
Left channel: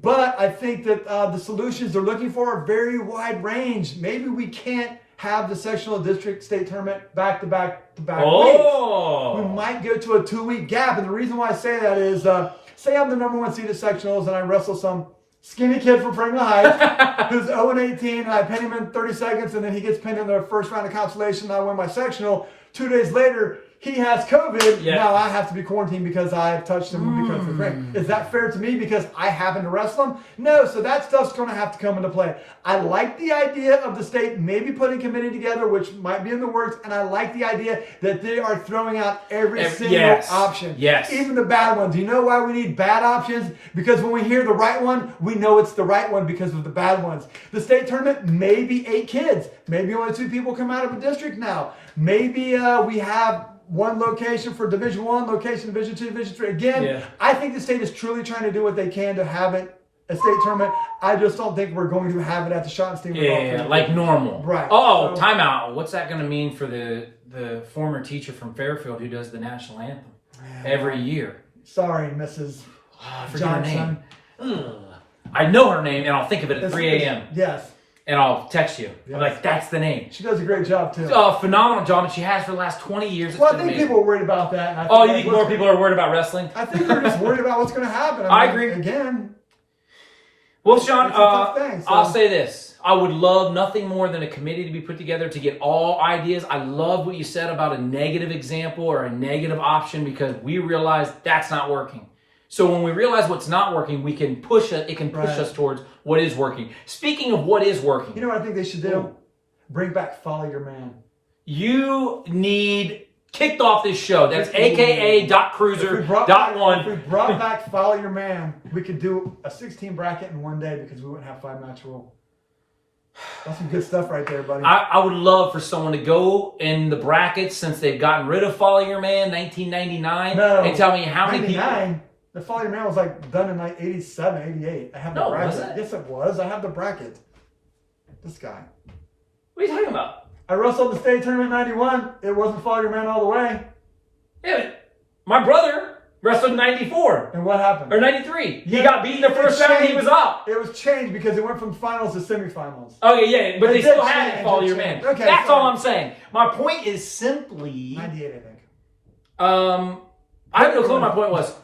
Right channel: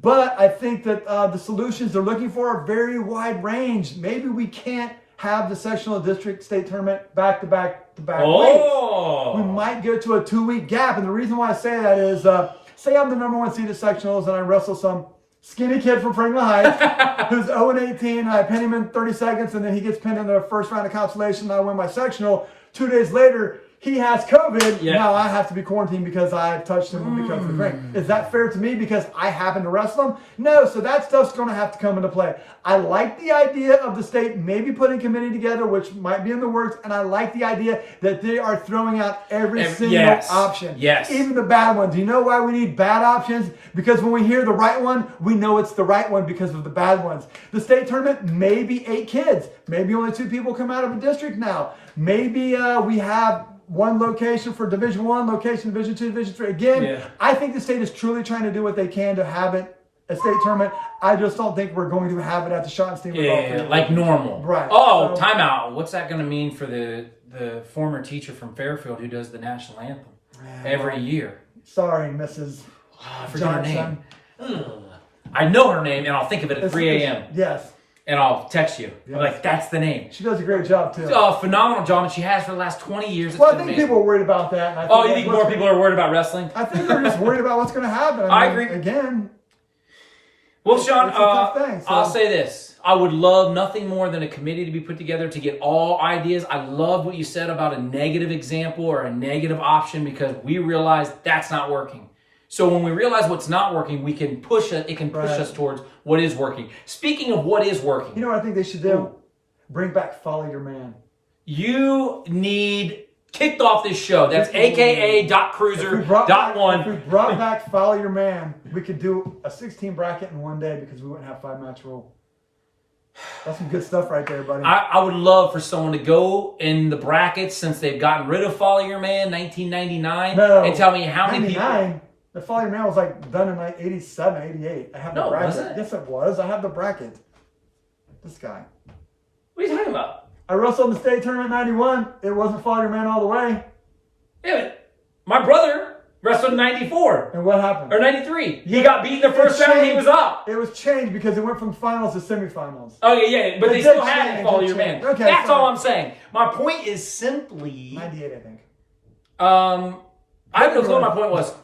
But I think that the solutions they're looking for are very wide range. Maybe we can't have the sectional district state tournament back-to-back weeks. We might go to a 2-week gap, and the reason why I say that is, say I'm the number one seed at sectionals, and I wrestle some skinny kid from Franklin Heights who's 0-18, and I pin him in 30 seconds, and then he gets pinned in the first round of consolation, and I win my sectional. 2 days later, he has COVID. Yeah. Now I have to be quarantined because I touched him because of the drink. Is that fair to me because I happen to wrestle him? No. So that stuff's going to have to come into play. I like the idea of the state maybe putting a committee together, which might be in the works, and I like the idea that they are throwing out every single option. Yes. Even the bad ones. You know why we need bad options? Because when we hear the right one, we know it's the right one because of the bad ones. The state tournament, maybe 8 kids. Maybe only 2 people come out of a district now. Maybe we have one location for Division 1, location Division 2, Division 3. Again, I think the state is truly trying to do what they can to have it a state tournament. I just don't think we're going to have it at the Schottenstein. Yeah, like normal. Right. Oh, timeout. What's that going to mean for the former teacher from Fairfield who does the national anthem every year? Sorry, Mrs. I forget Johnson. her name. Ugh. I know her name, and I'll think of it at 3 a.m. Yes. And I'll text you. I'm like, that's the name. She does a great job, too. Phenomenal job, and she has for the last 20 years. Well, I think people are worried about that. And I think you think more people are worried about wrestling? I think they're just worried about what's going to happen. I agree. Again. Well, Sean, it's a tough thing, so. I'll say this. I would love nothing more than a committee to be put together to get all ideas. I love what you said about a negative example or a negative option because we realize that's not working. So when we realize what's not working, we can push it. It can push us towards what is working. Speaking of what is working. You know what I think they should do? Bring back Follow Your Man. You need kicked off this show. That's aka.cruiser.1. If we brought back Follow Your Man, we could do a 16 bracket in one day because we wouldn't have 5-match rule. That's some good stuff right there, buddy. I would love for someone to go in the brackets since they've gotten rid of Follow Your Man 1999 and tell me how many people. The Follow Your Man was like done in like 87, 88. I have the bracket. Was it? Yes, it was. I have the bracket. This guy. What are you talking about? I wrestled in the state tournament 91. It wasn't Follow Your Man all the way. Yeah, my brother wrestled in 94. And what happened? Or 93. He got beaten the first round and he was out. It was changed because it went from finals to semifinals. Okay, yeah, but they still had it, Follow Your Man. Okay, that's all I'm saying. My point is simply... 98, I think. I have no clue what my point was.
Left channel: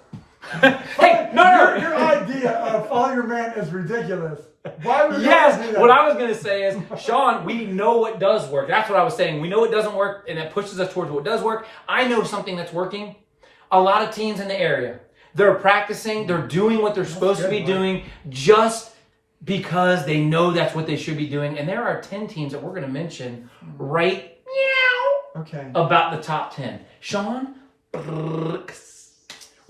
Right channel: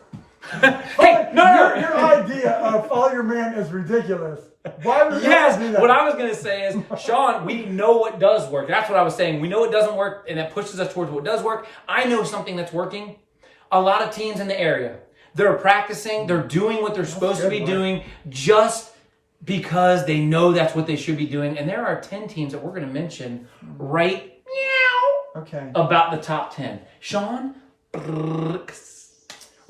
Hey, no. Your idea of Follow Your Man is ridiculous. Why would you do that? What I was going to say is, Sean, we know what does work. That's what I was saying. We know what doesn't work, and that pushes us towards what does work. I know something that's working. A lot of teams in the area, they're practicing, they're doing what they're supposed to be doing just because they know that's what they should be doing. And there are 10 teams that we're going to mention right about the top 10. Sean?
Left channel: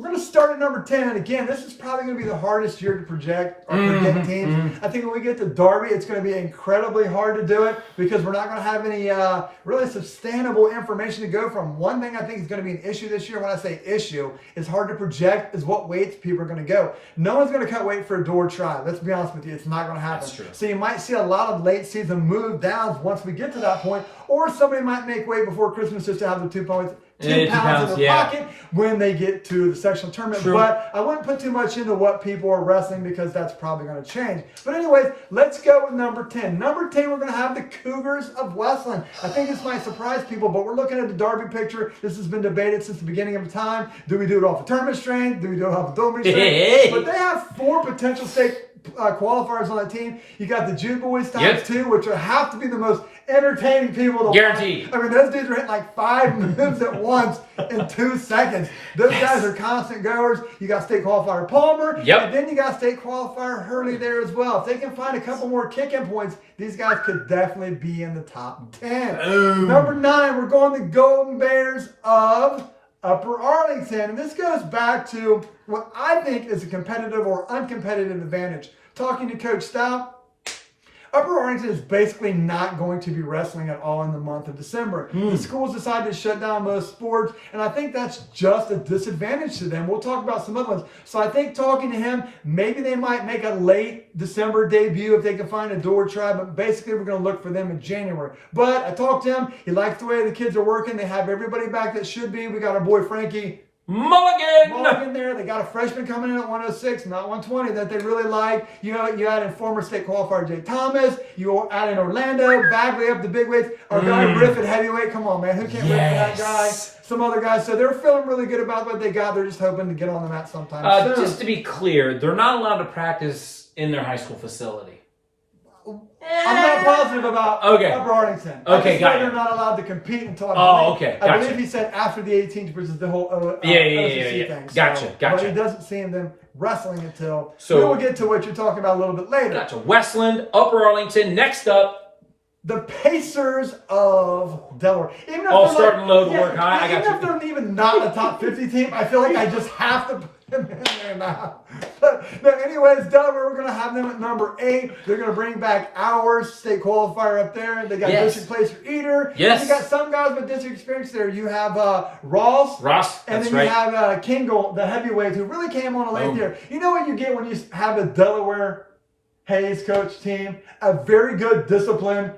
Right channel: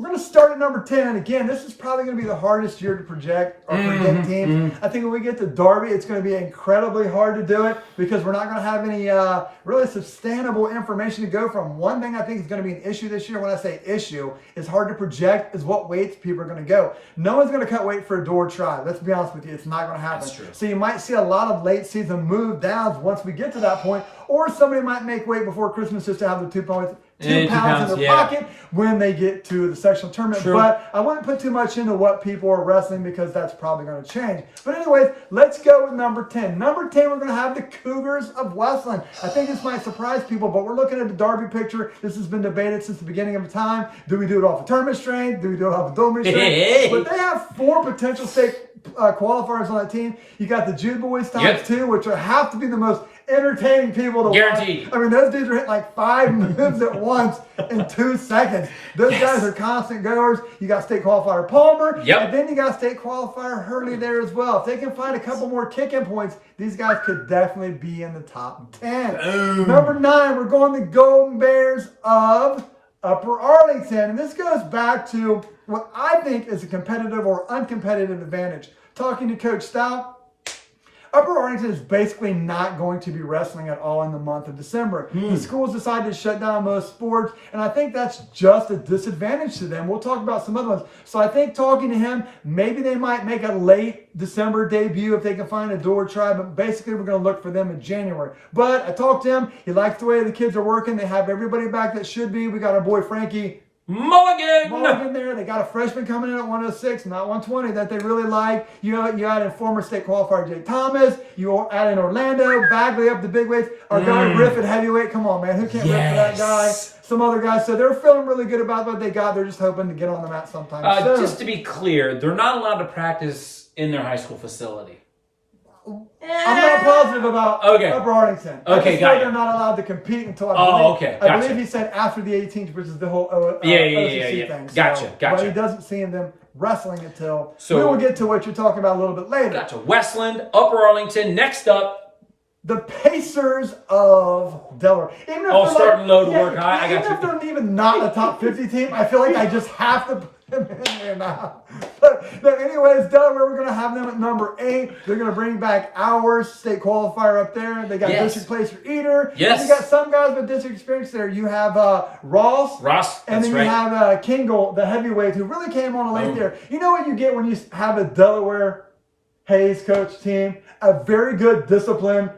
We're going to start at number 10, and again, this is probably going to be the hardest year to project or predict teams. I think when we get to Darby, it's going to be incredibly hard to do it because we're not going to have any really sustainable information to go from. One thing I think is going to be an issue this year, when I say issue, is hard to project, is what weights people are going to go. No one's going to cut weight for a door try. Let's be honest with you, it's not going to happen. That's true. So you might see a lot of late season move downs once we get to that point, or somebody might make weight before Christmas just to have the 2 pounds in their pocket when they get to the sectional tournament. But I wouldn't put too much into what people are wrestling because that's probably going to change. But anyways, let's go with number 10. Number 10, we're going to have the Cougars of Westland. I think this might surprise people, but we're looking at the Darby picture. This has been debated since the beginning of time. Do we do it off of tournament strength? Do we do it off of Dolby strength? But they have 4 potential state qualifiers on that team. You got the Jude Boys times 2, which have to be the most entertaining people to Guaranteed. watch. I mean, those dudes are hitting like 5 moves at once in 2 seconds. Those guys are constant goers. You got state qualifier Palmer, and then you got state qualifier Hurley there as well. If they can find a couple more kick-in points, these guys could definitely be in the top 10. Number 9, we're going the Golden Bears of Upper Arlington. And this goes back to what I think is a competitive or uncompetitive advantage. Talking to Coach Stout, Upper Arlington is basically not going to be wrestling at all in the month of December. The schools decided to shut down most sports, and I think that's just a disadvantage to them. We'll talk about some other ones. So I think talking to him, maybe they might make a late December debut if they can find a door try, but basically we're going to look for them in January. But I talked to him. He likes the way the kids are working. They have everybody back that should be. We got our boy Frankie Mulligan there. They got a freshman coming in at 106, not 120, that they really like. You know, you add in former state qualifier Jay Thomas. You add in Orlando, Bagley up the big weights. Our guy Riff at heavyweight. Come on, man. Who can't rip for that guy? Some other guys. So they're feeling really good about what they got. They're just hoping to get on the mat sometime soon. Just to be clear, they're not allowed to practice in their high school facility. I'm not positive about Upper Arlington. Okay, got you. They're not allowed to compete until Gotcha. I believe he said after the 18th, which is the whole OCC thing. Gotcha. But he doesn't see them wrestling until. So we will get to what you're talking about a little bit later. Gotcha. Westland, Upper Arlington. Next up, the Pacers of Delaware. Starting low to work high. I got even if they're even not a top 50 team, I feel like I just have to put them in there now. But anyways, Delaware, we're going to have them at number 8. They're going to bring back our state qualifier up there. They got district placer Eater. Yes. And you got some guys with district experience there. You have Ross. And then you have Kingle, the heavyweight, who really came on late there. You know what you get when you have a Delaware Hayes coach team? A very good, disciplined,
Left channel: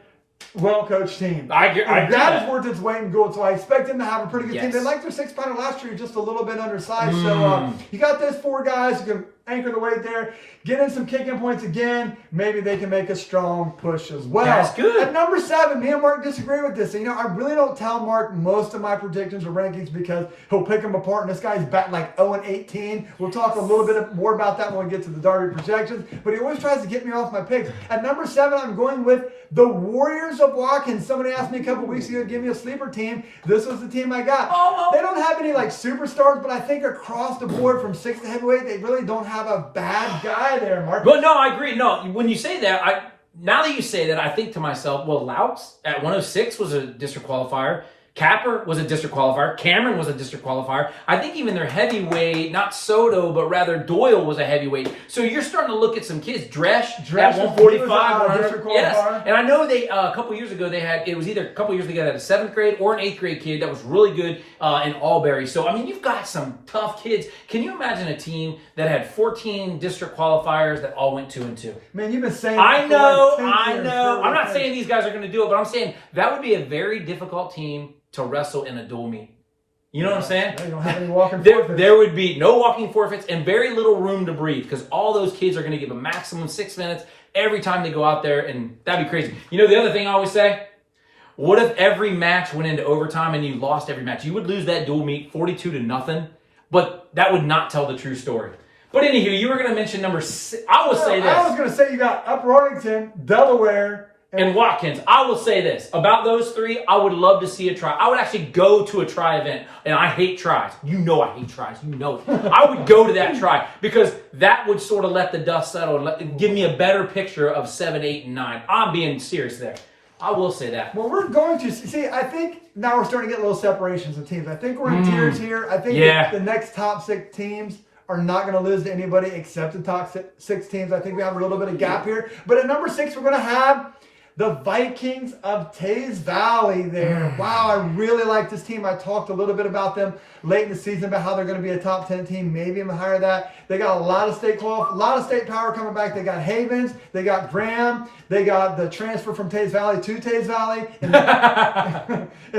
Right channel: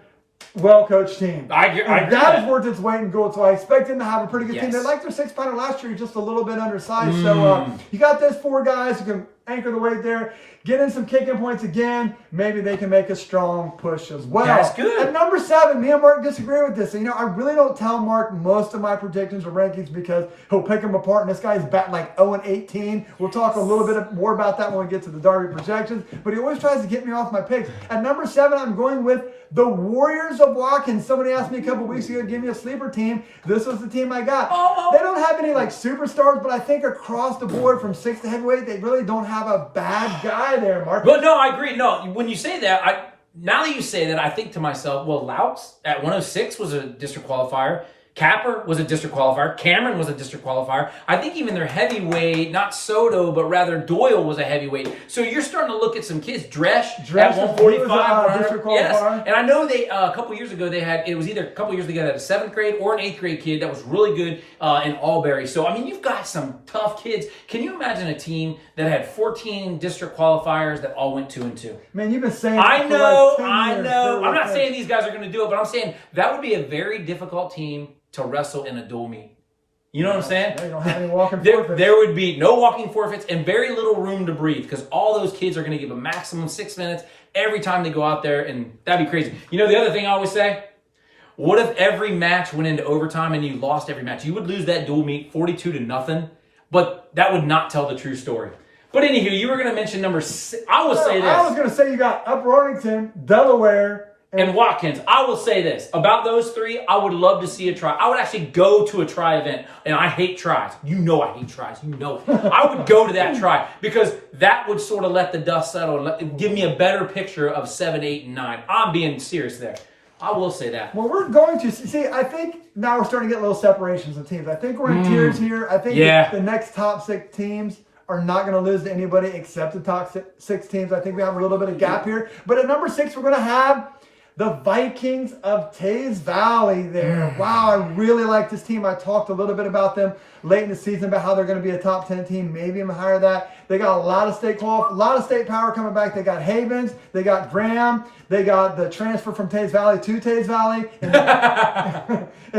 well-coached team. I agree that has worth its weight in gold, so I expect them to have a pretty good team. They liked their 6-pounder last year, just a little bit undersized. So you got those 4 guys who can anchor the weight there. Get in some kicking points again. Maybe they can make a strong push as well. That's good. At number 7, me and Mark disagree with this. So, I really don't tell Mark most of my predictions or rankings because he'll pick them apart. And this guy's back like 0-18. We'll talk a little bit more about that when we get to the Darby projections. But he always tries to get me off my picks. At number 7, I'm going with the Warriors of Watkins. Somebody asked me a couple weeks ago to give me a sleeper team. This was the team I got. They don't have any like superstars, but I think across the board from 6 to heavyweight, they really don't have a bad guy there, Mark. Well, no, I agree. No, when you say that, now that you say that, I think to myself, well, Louts at 106 was a district qualifier. Capper was a district qualifier. Cameron was a district qualifier. I think even their heavyweight, not Soto, but rather Doyle was a heavyweight. So you're starting to look at some kids. Dresch at 145. District qualifier. Yes. And I know they a couple years ago it was either a couple years ago they had a 7th grade or an 8th grade kid that was really good in Albury. So I mean, you've got some tough kids. Can you imagine a team that had 14 district qualifiers that all went 2-2? Man, you've been saying. I know. I'm not saying these guys are going to do it, but I'm saying that would be a very difficult team to wrestle in a dual meet. You know what I'm saying? No, you don't have any walking forfeits. There would be no walking forfeits and very little room to breathe because all those kids are going to give a maximum 6 minutes every time they go out there, and that'd be crazy. You know the other thing I always say? What if every match went into overtime and you lost every match? You would lose that dual meet 42-0, but that would not tell the true story. But anywho, you were going to mention number 6. I will say this. I was going to say you got Upper Arlington, Delaware, and Watkins. I will say this. About those 3, I would love to see a try. I would actually go to a try event. And I hate tries. You know I hate tries. You know it. I would go to that try because that would sort of let the dust settle and give me a better picture of 7, 8, and 9. I'm being serious there. I will say that. Well, we're going to see. I think now we're starting to get little separations of teams. I think we're in tiers here. I think the next top 6 teams are not going to lose to anybody except the top 6 teams. I think we have a little bit of gap here. But at number 6, we're going to have the Vikings of Taze Valley there. Wow, I really like this team. I talked a little bit about them late in the season about how they're going to be a top 10 team, maybe even higher than that. They got a lot of state power coming back. They got Havens, they got Graham, they got the transfer from Taze Valley to Taze Valley, and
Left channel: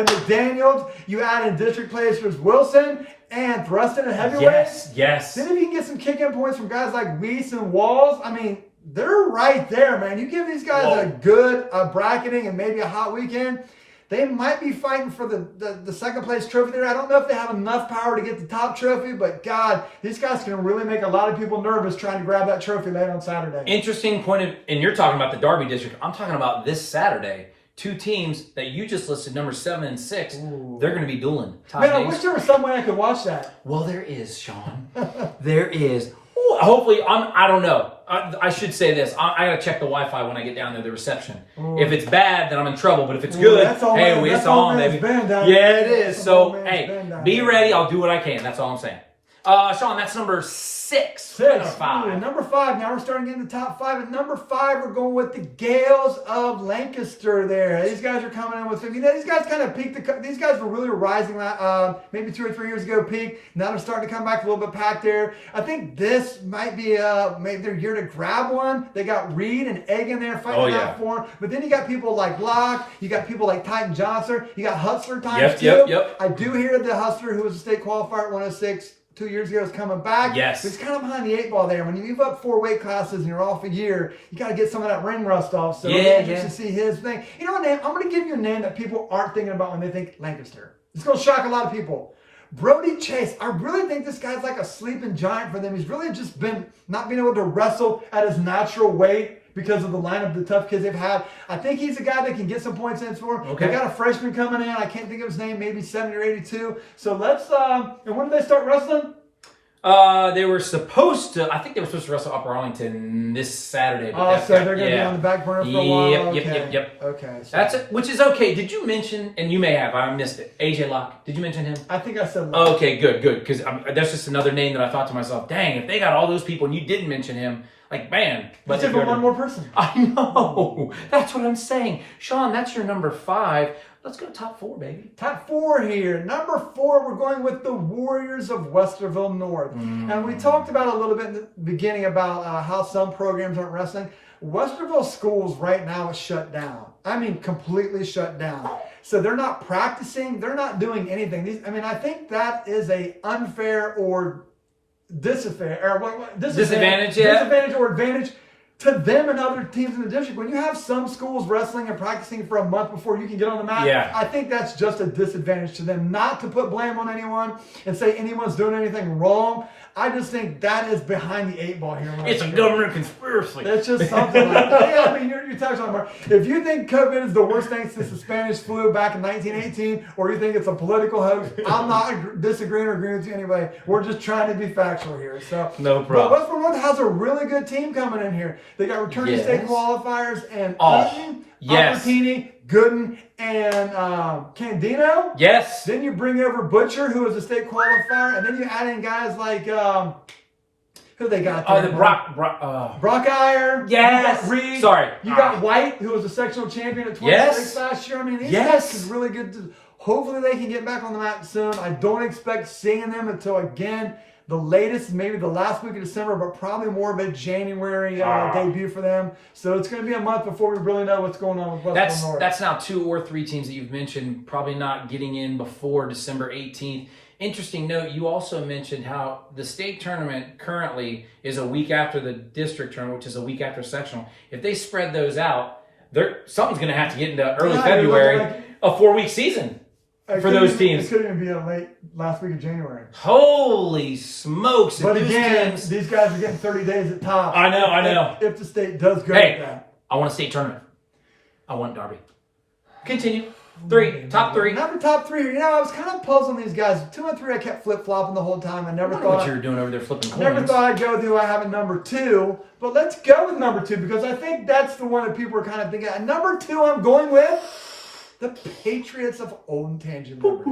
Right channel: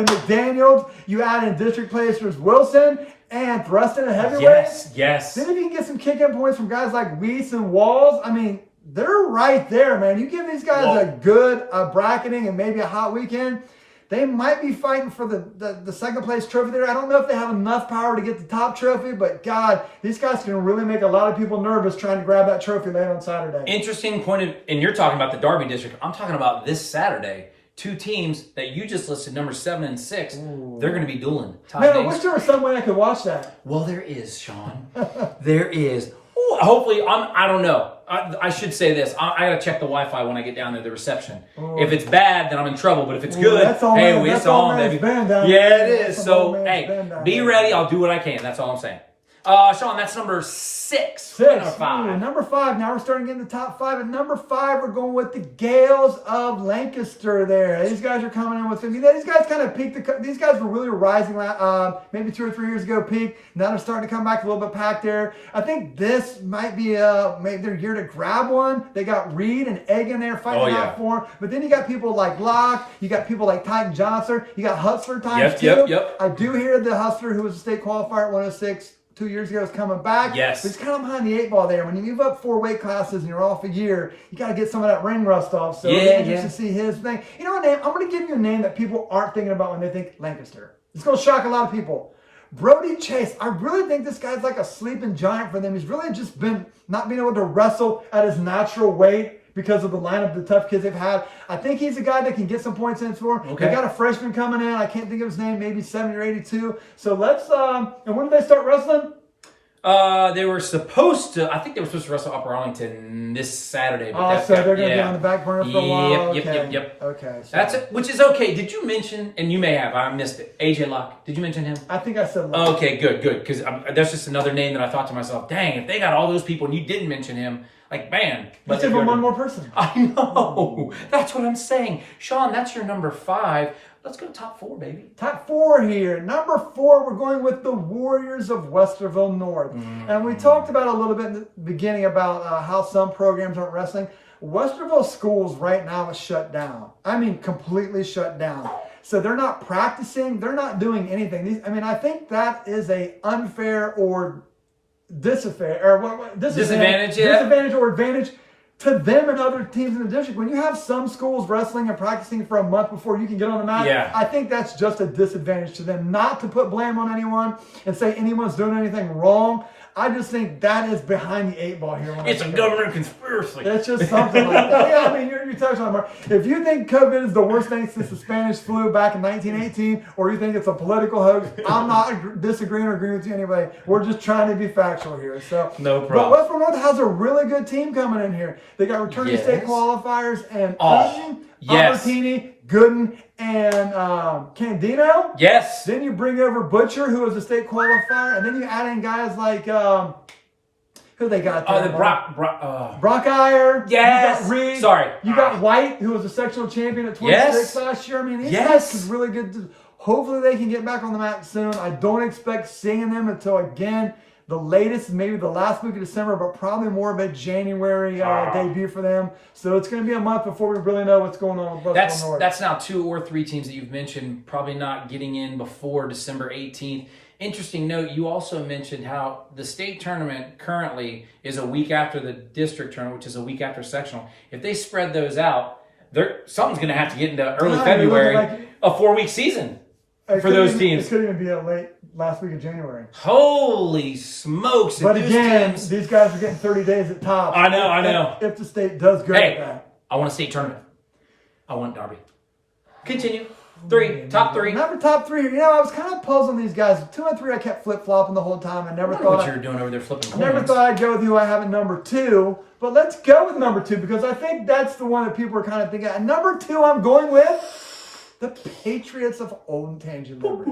McDaniels. You add in district placers Wilson and Thruston and heavyweight. Yes. Then if you can get some kick-in points from guys like Weiss and Walls, I mean, they're right there, man. You give these guys a good bracketing and maybe a hot weekend, they might be fighting for the second place trophy there. I don't know if they have enough power to get the top trophy, but God, these guys can really make a lot of people nervous trying to grab that trophy late on Saturday. Interesting point and you're talking about the Darby district. I'm talking about this Saturday. 2 teams that you just listed, number 7 and 6, they're going to be dueling. Man, I wish there was some way I could watch that. Well, there is, Sean. There is. Ooh, hopefully, I don't know. I should say this. I got to check the Wi-Fi when I get down there, the reception. If it's bad, then I'm in trouble. But if it's good, it's on, baby. Yeah, it is. So, hey, be ready. I'll do what I can. That's all I'm saying. Sean, that's number 6. Number 5. Number 5. Now we're starting to get in the top 5. At number 5, we're going with the Gales of Lancaster there. These guys are coming in with 50. These guys kind of peaked. These guys were really rising maybe 2 or 3 years ago, peak. Now they're starting to come back a little bit packed there. I think this might be maybe their year to grab one. They got Reed and Egg in there fighting out for them. But then you got people like Locke. You got people like Titan Johnson. You got Hustler times 2. Yep. I do hear the Hustler, who was a state qualifier at 106, 2 years ago, is coming back. Yes. But he's kind of behind the 8 ball there. When you move up 4 weight classes and you're off a year, you got to get some of that ring rust off. So just to see his thing. You know what name? I'm going to give you a name that people aren't thinking about when they think Lancaster. It's going to shock a lot of people. Brody Chase. I really think this guy's like a sleeping giant for them. He's really just been not being able to wrestle at his natural weight because of the lineup, the tough kids they've had. I think he's a guy that can get some points in for. Okay. They got a freshman coming in. I can't think of his name. Maybe 70 or 82. So let's. And when do they start wrestling? They were supposed to. I think they were supposed to wrestle Upper Arlington this Saturday. But So they're going to be on the back burner for a while. Yep. Okay. So That's it. Which is okay. Did you mention? And you may have. I missed it. AJ Locke. Did you mention him? I think I said. Locke. Okay, good. Because that's just another name that I thought to myself. Dang, if they got all those people and you didn't mention him, like man. Let's give one more person. I know. That's what I'm saying, Sean. That's your number 5. Let's go top 4, baby. Top 4 here. Number 4, we're going with the Warriors of Westerville North. And we talked about a little bit in the beginning about how some programs aren't wrestling. Westerville schools right now is shut down. I mean, completely shut down. So they're not practicing. They're not doing anything. I think that is a unfair or disadvantage or advantage to them and other teams in the district. When you have some schools wrestling and practicing for a month before you can get on the mat, I think that's just a disadvantage to them. Not to put blame on anyone and say anyone's doing anything wrong. I just think that is behind the 8 ball here. It's a government conspiracy. It's just something like that. Yeah, I mean, you're touching on it, Mark. If you think COVID is the worst thing since the Spanish flu back in 1918, or you think it's a political hoax, I'm not disagreeing or agreeing with you anyway. We're just trying to be factual here. So no problem. But West Vermont has a really good team coming in here. They got returning state qualifiers and Albertini, Gooden, and Candino. Yes. Then you bring over Butcher, who is a state qualifier, and then you add in guys like who they got there? Brock Iyer. Yes. You got Reed. Sorry. You got White, who was a sectional champion at 26 last year. I mean, these guys could really good. Hopefully they can get back on the mat soon. I don't expect seeing them until, again, the latest, maybe the last week of December, but probably more of a January debut for them. So it's going to be a month before we really know what's going on with Western North. That's now 2 or 3 teams that you've mentioned probably not getting in before December 18th. Interesting note, you also mentioned how the state tournament currently is a week after the district tournament, which is a week after sectional. If they spread those out, something's going to have to get into early February, a 4-week season for those teams. It could even be a late last week of January. Holy smokes. But again, these guys are getting 30 days at top. I know. If the state does go with that. I want a state tournament. I want Darby. Continue. 3, top 3. Number top 3 here. I was kind of puzzling these guys. 2 and 3, I kept flip-flopping the whole time. I never thought what you were doing over there flipping coins. Never thought I'd go with who I have in number 2. But let's go with number 2 because I think that's the one that people are kind of thinking. And number 2, I'm going with the Patriots of Olentangy Liberty.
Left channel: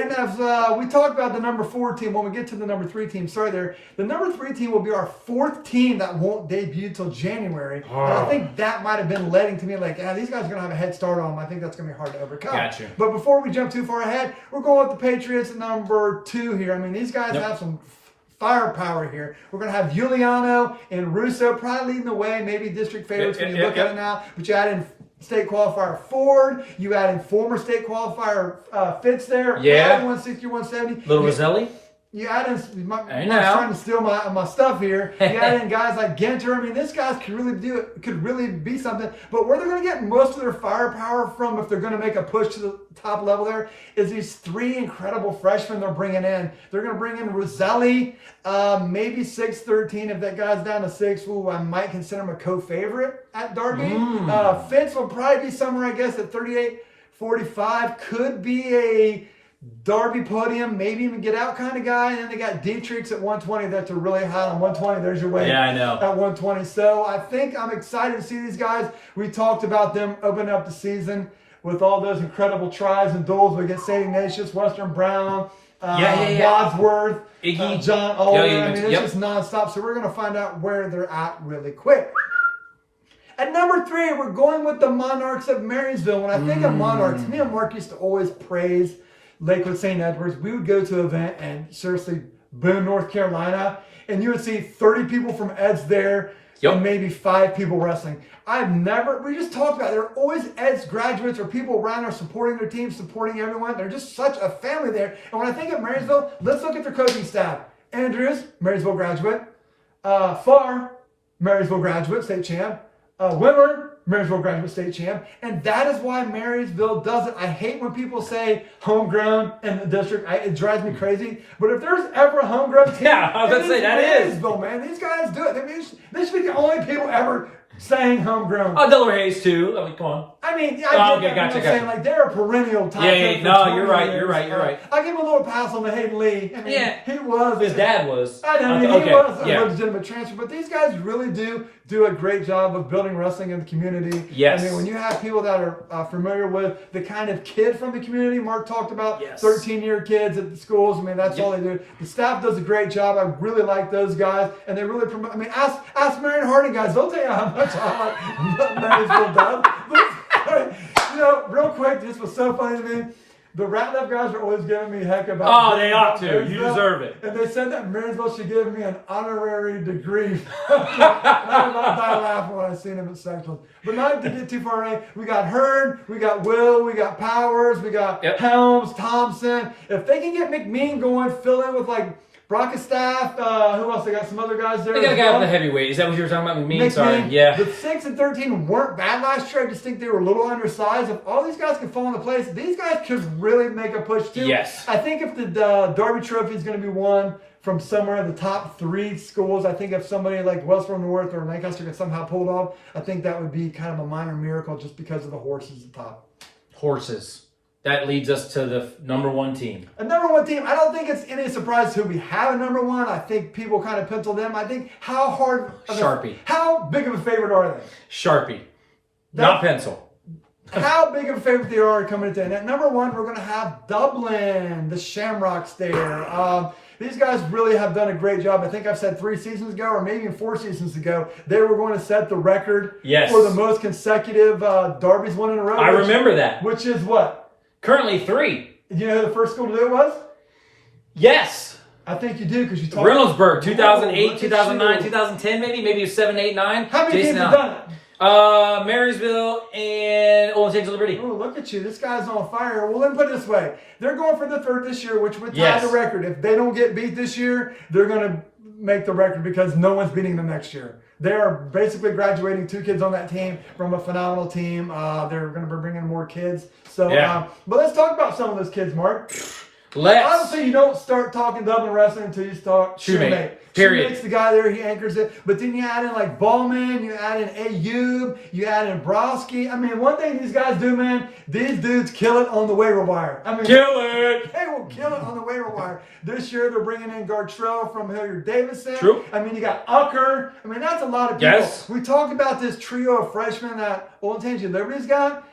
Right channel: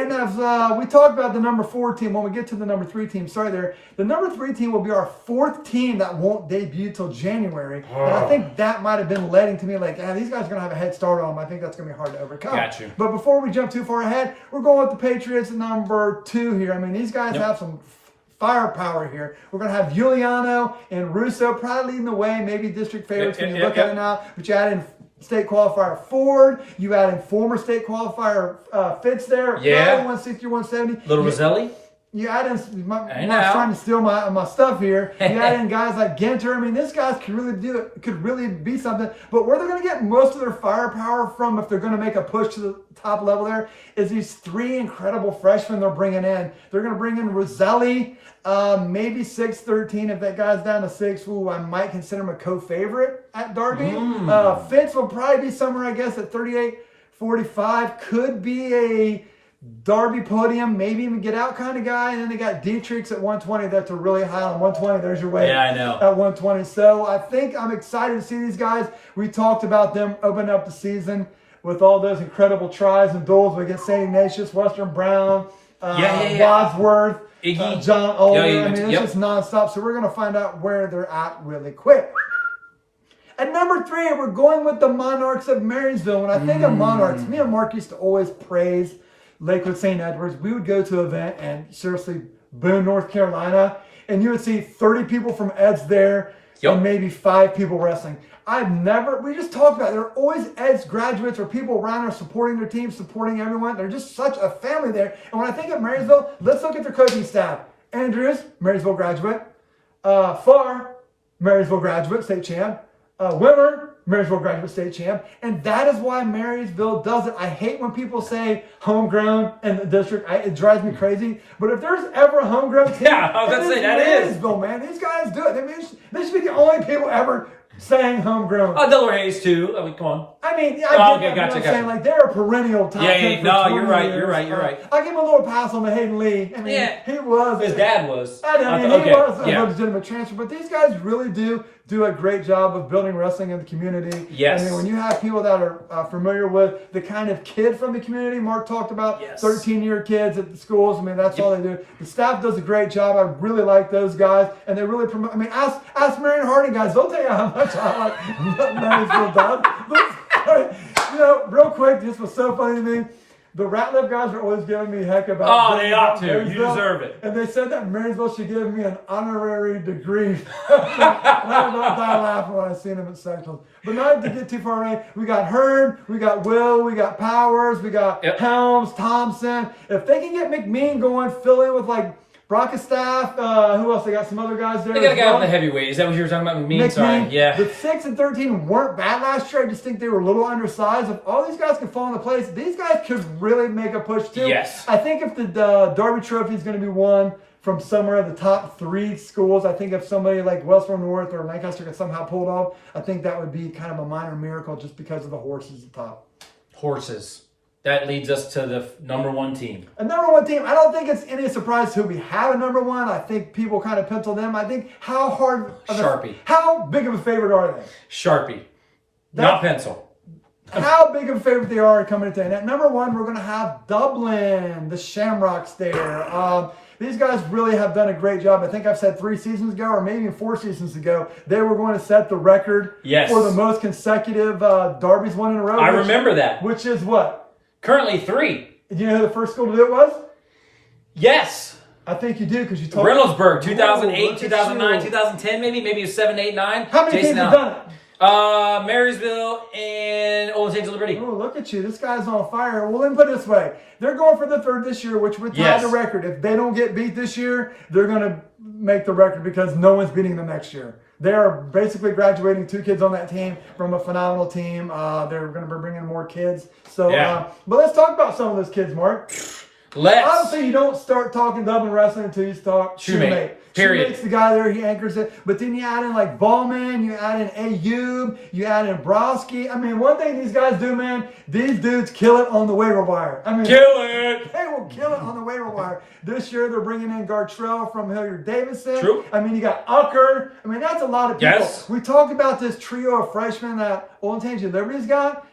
And as we talked about the number 4 team, when we get to the number 3 team, the number 3 team will be our 4th team that won't debut till January. And I think that might have been leading to me like, these guys are going to have a head start on them. I think that's going to be hard to overcome. Gotcha. But before we jump too far ahead, we're going with the Patriots at number 2 here. I mean, these guys have some firepower here. We're going to have Giuliano and Russo probably leading the way, maybe district favorites when you look at it now. But you add in state qualifier Ford, you add in former state qualifier Fitz there, 160, 170. Little Roselli. You add in, I was trying to steal my stuff here. You add in guys like Genter. I mean, this guys could really be something. But where they're going to get most of their firepower from, if they're going to make a push to the top level there, is these 3 incredible freshmen they're bringing in. They're going to bring in Roselli, maybe 6'13". If that guy's down to 6, I might consider him a co-favorite at Darby. Fitz will probably be somewhere, I guess, at 38-45. Could be a Darby podium, maybe even get out kind of guy. And then they got Dietrichs at 120. That's a really high on 120. There's your weight. Yeah, I know. At 120. So I think I'm excited to see these guys. We talked about them opening up the season with all those incredible tries and duels against St. Ignatius, Western Brown, Wadsworth, Iggy, John Olin. I mean, it's just nonstop. So we're going to find out where they're at really quick. At number 3, we're going with the Monarchs of Marysville. When I think of Monarchs, me and Mark used to always praise Lakewood St. Edwards. We would go to an event and seriously, Boone, North Carolina, and you would see 30 people from Eds there and maybe 5 people wrestling. We just talked about it. There are always Eds graduates or people around there supporting their team, supporting everyone. They're just such a family there. And when I think of Marysville, let's look at their coaching staff. Andrews, Marysville graduate. Farr, Marysville graduate, state champ. Wimmer, Marysville graduate state champ. And that is why Marysville does it. I hate when people say homegrown in the district. It drives me crazy. But if there's ever a homegrown team, I was about to say that Marysville, man. These guys do it. They should be the only people ever saying homegrown. Oh, Delaware Hayes too. I mean, come on. I mean, Okay, I gotcha. saying like they're a perennial top 10 for No, 20 you're right. years. You're right. I give him a little pass on the Hayden Lee. I mean, Yeah. he was. His dad was. I know, Okay, he was a yeah. legitimate transfer, but these guys really do a great job of building wrestling in the community. Yes. I mean, when you have people that are familiar with the kind of kid from the community, Mark talked about 13-year kids at the schools. I mean, that's all they do. The staff does a great job. I really like those guys, and they really promote. I mean, ask Marion Harding guys. They'll tell you how much I like Marysville does. You know, real quick, this was so funny to me. The Ratliff guys are always giving me heck about. Oh, they ought to. You deserve it. And they said that Marysville should give me an honorary degree. And I was about to die laughing when I seen him at sectionals. But not to get too far away, we got Hurd, we got Will, we got Powers, we got Helms, Thompson. If they can get McMean going, fill in with like Brockestaff, who else? They got some other guys there. They got a guy up the heavyweight. Is that what you were talking about? McMean? Sorry. Yeah. The 6 and 13 weren't bad last year. I just think they were a little undersized. If all these guys could fall into place, these guys could really make a push too. Yes. I think if the Darby Trophy is going to be won from somewhere in the top 3 schools, I think if somebody like Westboro North or Lancaster could somehow pull it off, I think that would be kind of a minor miracle just because of the horses at the top. Horses. That leads us to the number 1 team. A number 1 team. I don't think it's any surprise who we have a number 1. I think people kind of pencil them. I think how big of a favorite are they? Sharpie. Not pencil. How big of a favorite they are coming into. And at number 1, we're going to have Dublin, the Shamrocks there. These guys really have done a great job. I think I've said 3 seasons ago, or maybe even 4 seasons ago, they were going to set the record for the most consecutive Darbies won in a row. I remember that. Which is what? Currently 3. You know who the first school to do it was? Yes. I think you do because you talked Reynoldsburg, 2008, 2009, 2010, maybe it's 7, 8, 9. How many teams have done it? Marysville and Old Saints of Liberty. Oh, look at you. This guy's on fire. Well, then put it this way. They're going for the 3rd this year, which would tie the record. If they don't get beat this year, they're going to make the record because no one's beating them next year. They are basically graduating 2 kids on that team from a phenomenal team. They're going to be bringing more kids. So, but let's talk about some of those kids, Mark. I would say you don't start talking Dublin wrestling until you start Shoemate. Period. Shoemate's the guy there, he anchors it. But then you add in like Ballman, you add in Ayub, you add in Broski. I mean, one thing these guys do, man, these dudes kill it on the waiver wire. I mean, kill it. They will kill it on the waiver wire. This year they're bringing in Gartrell from Hilliard Davidson. True. I mean, you got Ucker. I mean, that's a lot of people. Yes. We talked about this trio of freshmen that Old Tangent Liberty's got.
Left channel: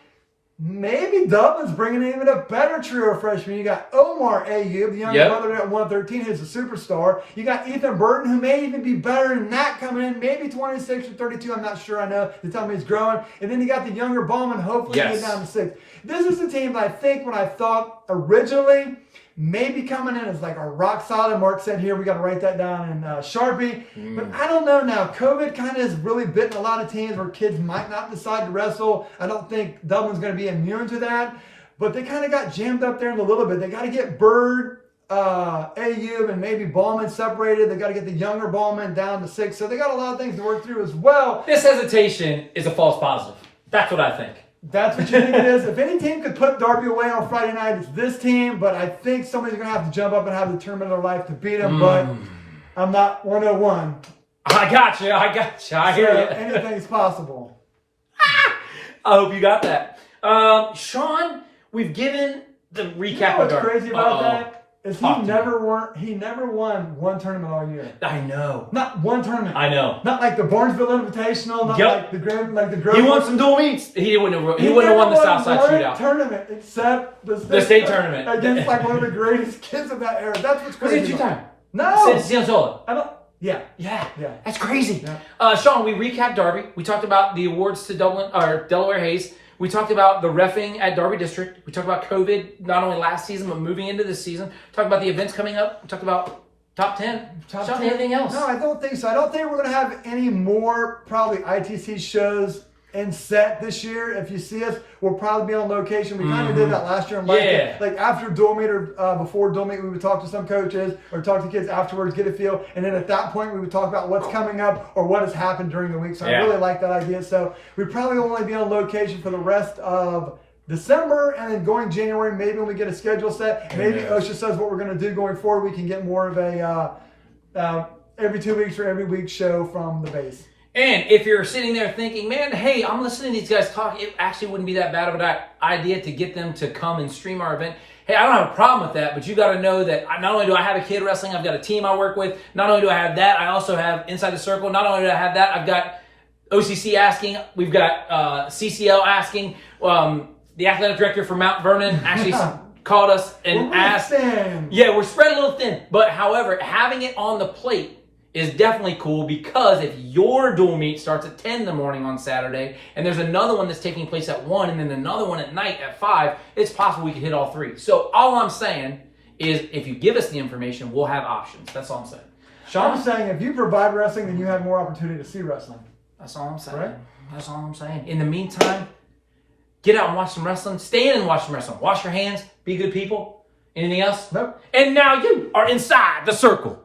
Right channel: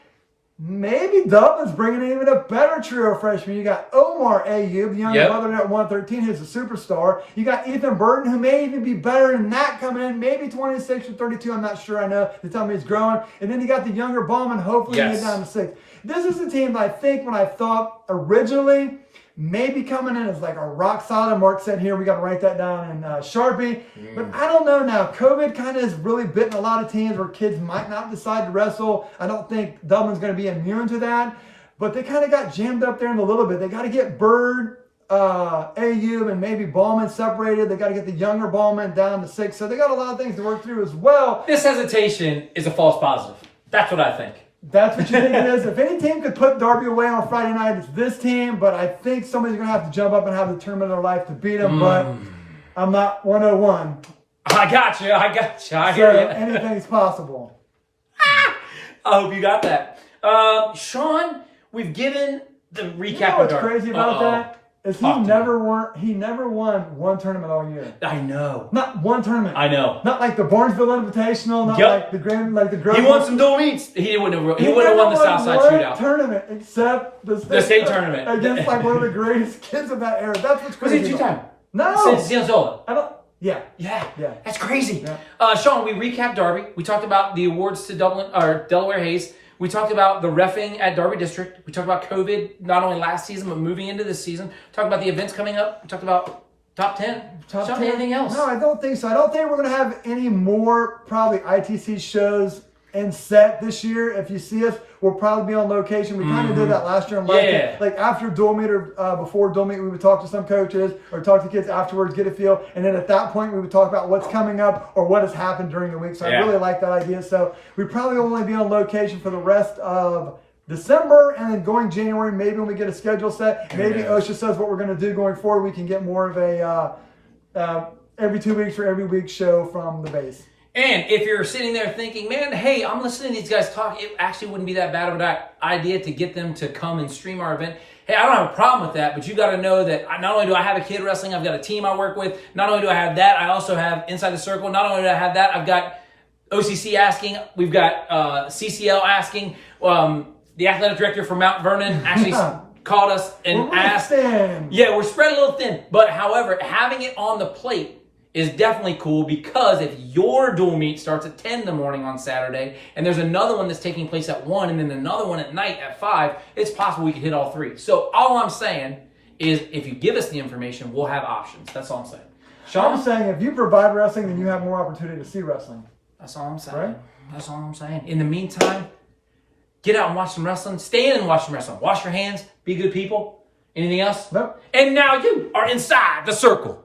Maybe Dublin's bringing in even a better trio of freshmen. You got Omar Ayub, the younger brother at 113, who's a superstar. You got Ethan Burton, who may even be better than that coming in. Maybe 26 or 32, I'm not sure. I know they tell me he's growing. And then you got the younger Ballman, hopefully get down to 6. This is a team that I think when I thought originally maybe coming in as like a rock solid. Mark said here, we got to write that down in Sharpie. But I don't know now. COVID kind of has really bitten a lot of teams where kids might not decide to wrestle. I don't think Dublin's going to be immune to that. But they kind of got jammed up there in a little bit. They got to get Bird, AU, and maybe Ballman separated. They got to get the younger Ballman down to 6. So they got a lot of things to work through as well. This hesitation is a false positive. That's what I think. That's what you think it is. If any team could put Darby away on Friday night, it's this team. But I think somebody's going to have to jump up and have the tournament of their life to beat them. But I'm not 101. I got you. I hear you. Anything's possible. I hope you got that. Sean, we've given the recap. You know what's crazy about that? Is he never won one tournament all year. I know. Not one tournament. I know. Not like the Barnesville Invitational, not like the Grove. He won some dual meets. He wouldn't have won the Southside Shootout tournament except the state tournament against like one of the greatest kids of that era. That's what's crazy. Was it 2 times? No. Since I don't. Yeah. That's crazy. Yeah. Sean, we recapped Darby. We talked about the awards to Delaware Hayes. We talked about the reffing at Darby District. We talked about COVID, not only last season, but moving into this season. We talked about the events coming up. We talked about top 10. Top Sean, 10. anything else? No, I don't think so. I don't think we're going to have any more probably ITC shows in set this year. If you see us, we'll probably be on location. We kind of did that last year. Like after dual meet or before dual meet, we would talk to some coaches or talk to kids afterwards, get a feel. And then at that point, we would talk about what's coming up or what has happened during the week. So I really like that idea. So we probably only be on location for the rest of December, and then going January, maybe when we get a schedule set, maybe OSHA says what we're going to do going forward, we can get more of a every 2 weeks or every week show from the base. And if you're sitting there thinking, man, hey, I'm listening to these guys talk, it actually wouldn't be that bad of an idea to get them to come and stream our event. Hey, I don't have a problem with that, but you got to know that not only do I have a kid wrestling, I've got a team I work with. Not only do I have that, I also have Inside the Circle. Not only do I have that, I've got OCC asking. We've got CCL asking. The athletic director for Mount Vernon actually called us and asked. Yeah, we're spread a little thin. But however, having it on the plate is definitely cool, because if your dual meet starts at 10 in the morning on Saturday and there's another one that's taking place at 1 and then another one at night at 5, it's possible we could hit all 3. So all I'm saying is if you give us the information, we'll have options. That's all I'm saying. Sean? I'm saying if you provide wrestling, then you have more opportunity to see wrestling. That's all I'm saying. Right? That's all I'm saying. In the meantime, get out and watch some wrestling. Stay in and watch some wrestling. Wash your hands. Be good people. Anything else? Nope. And now you are inside the circle.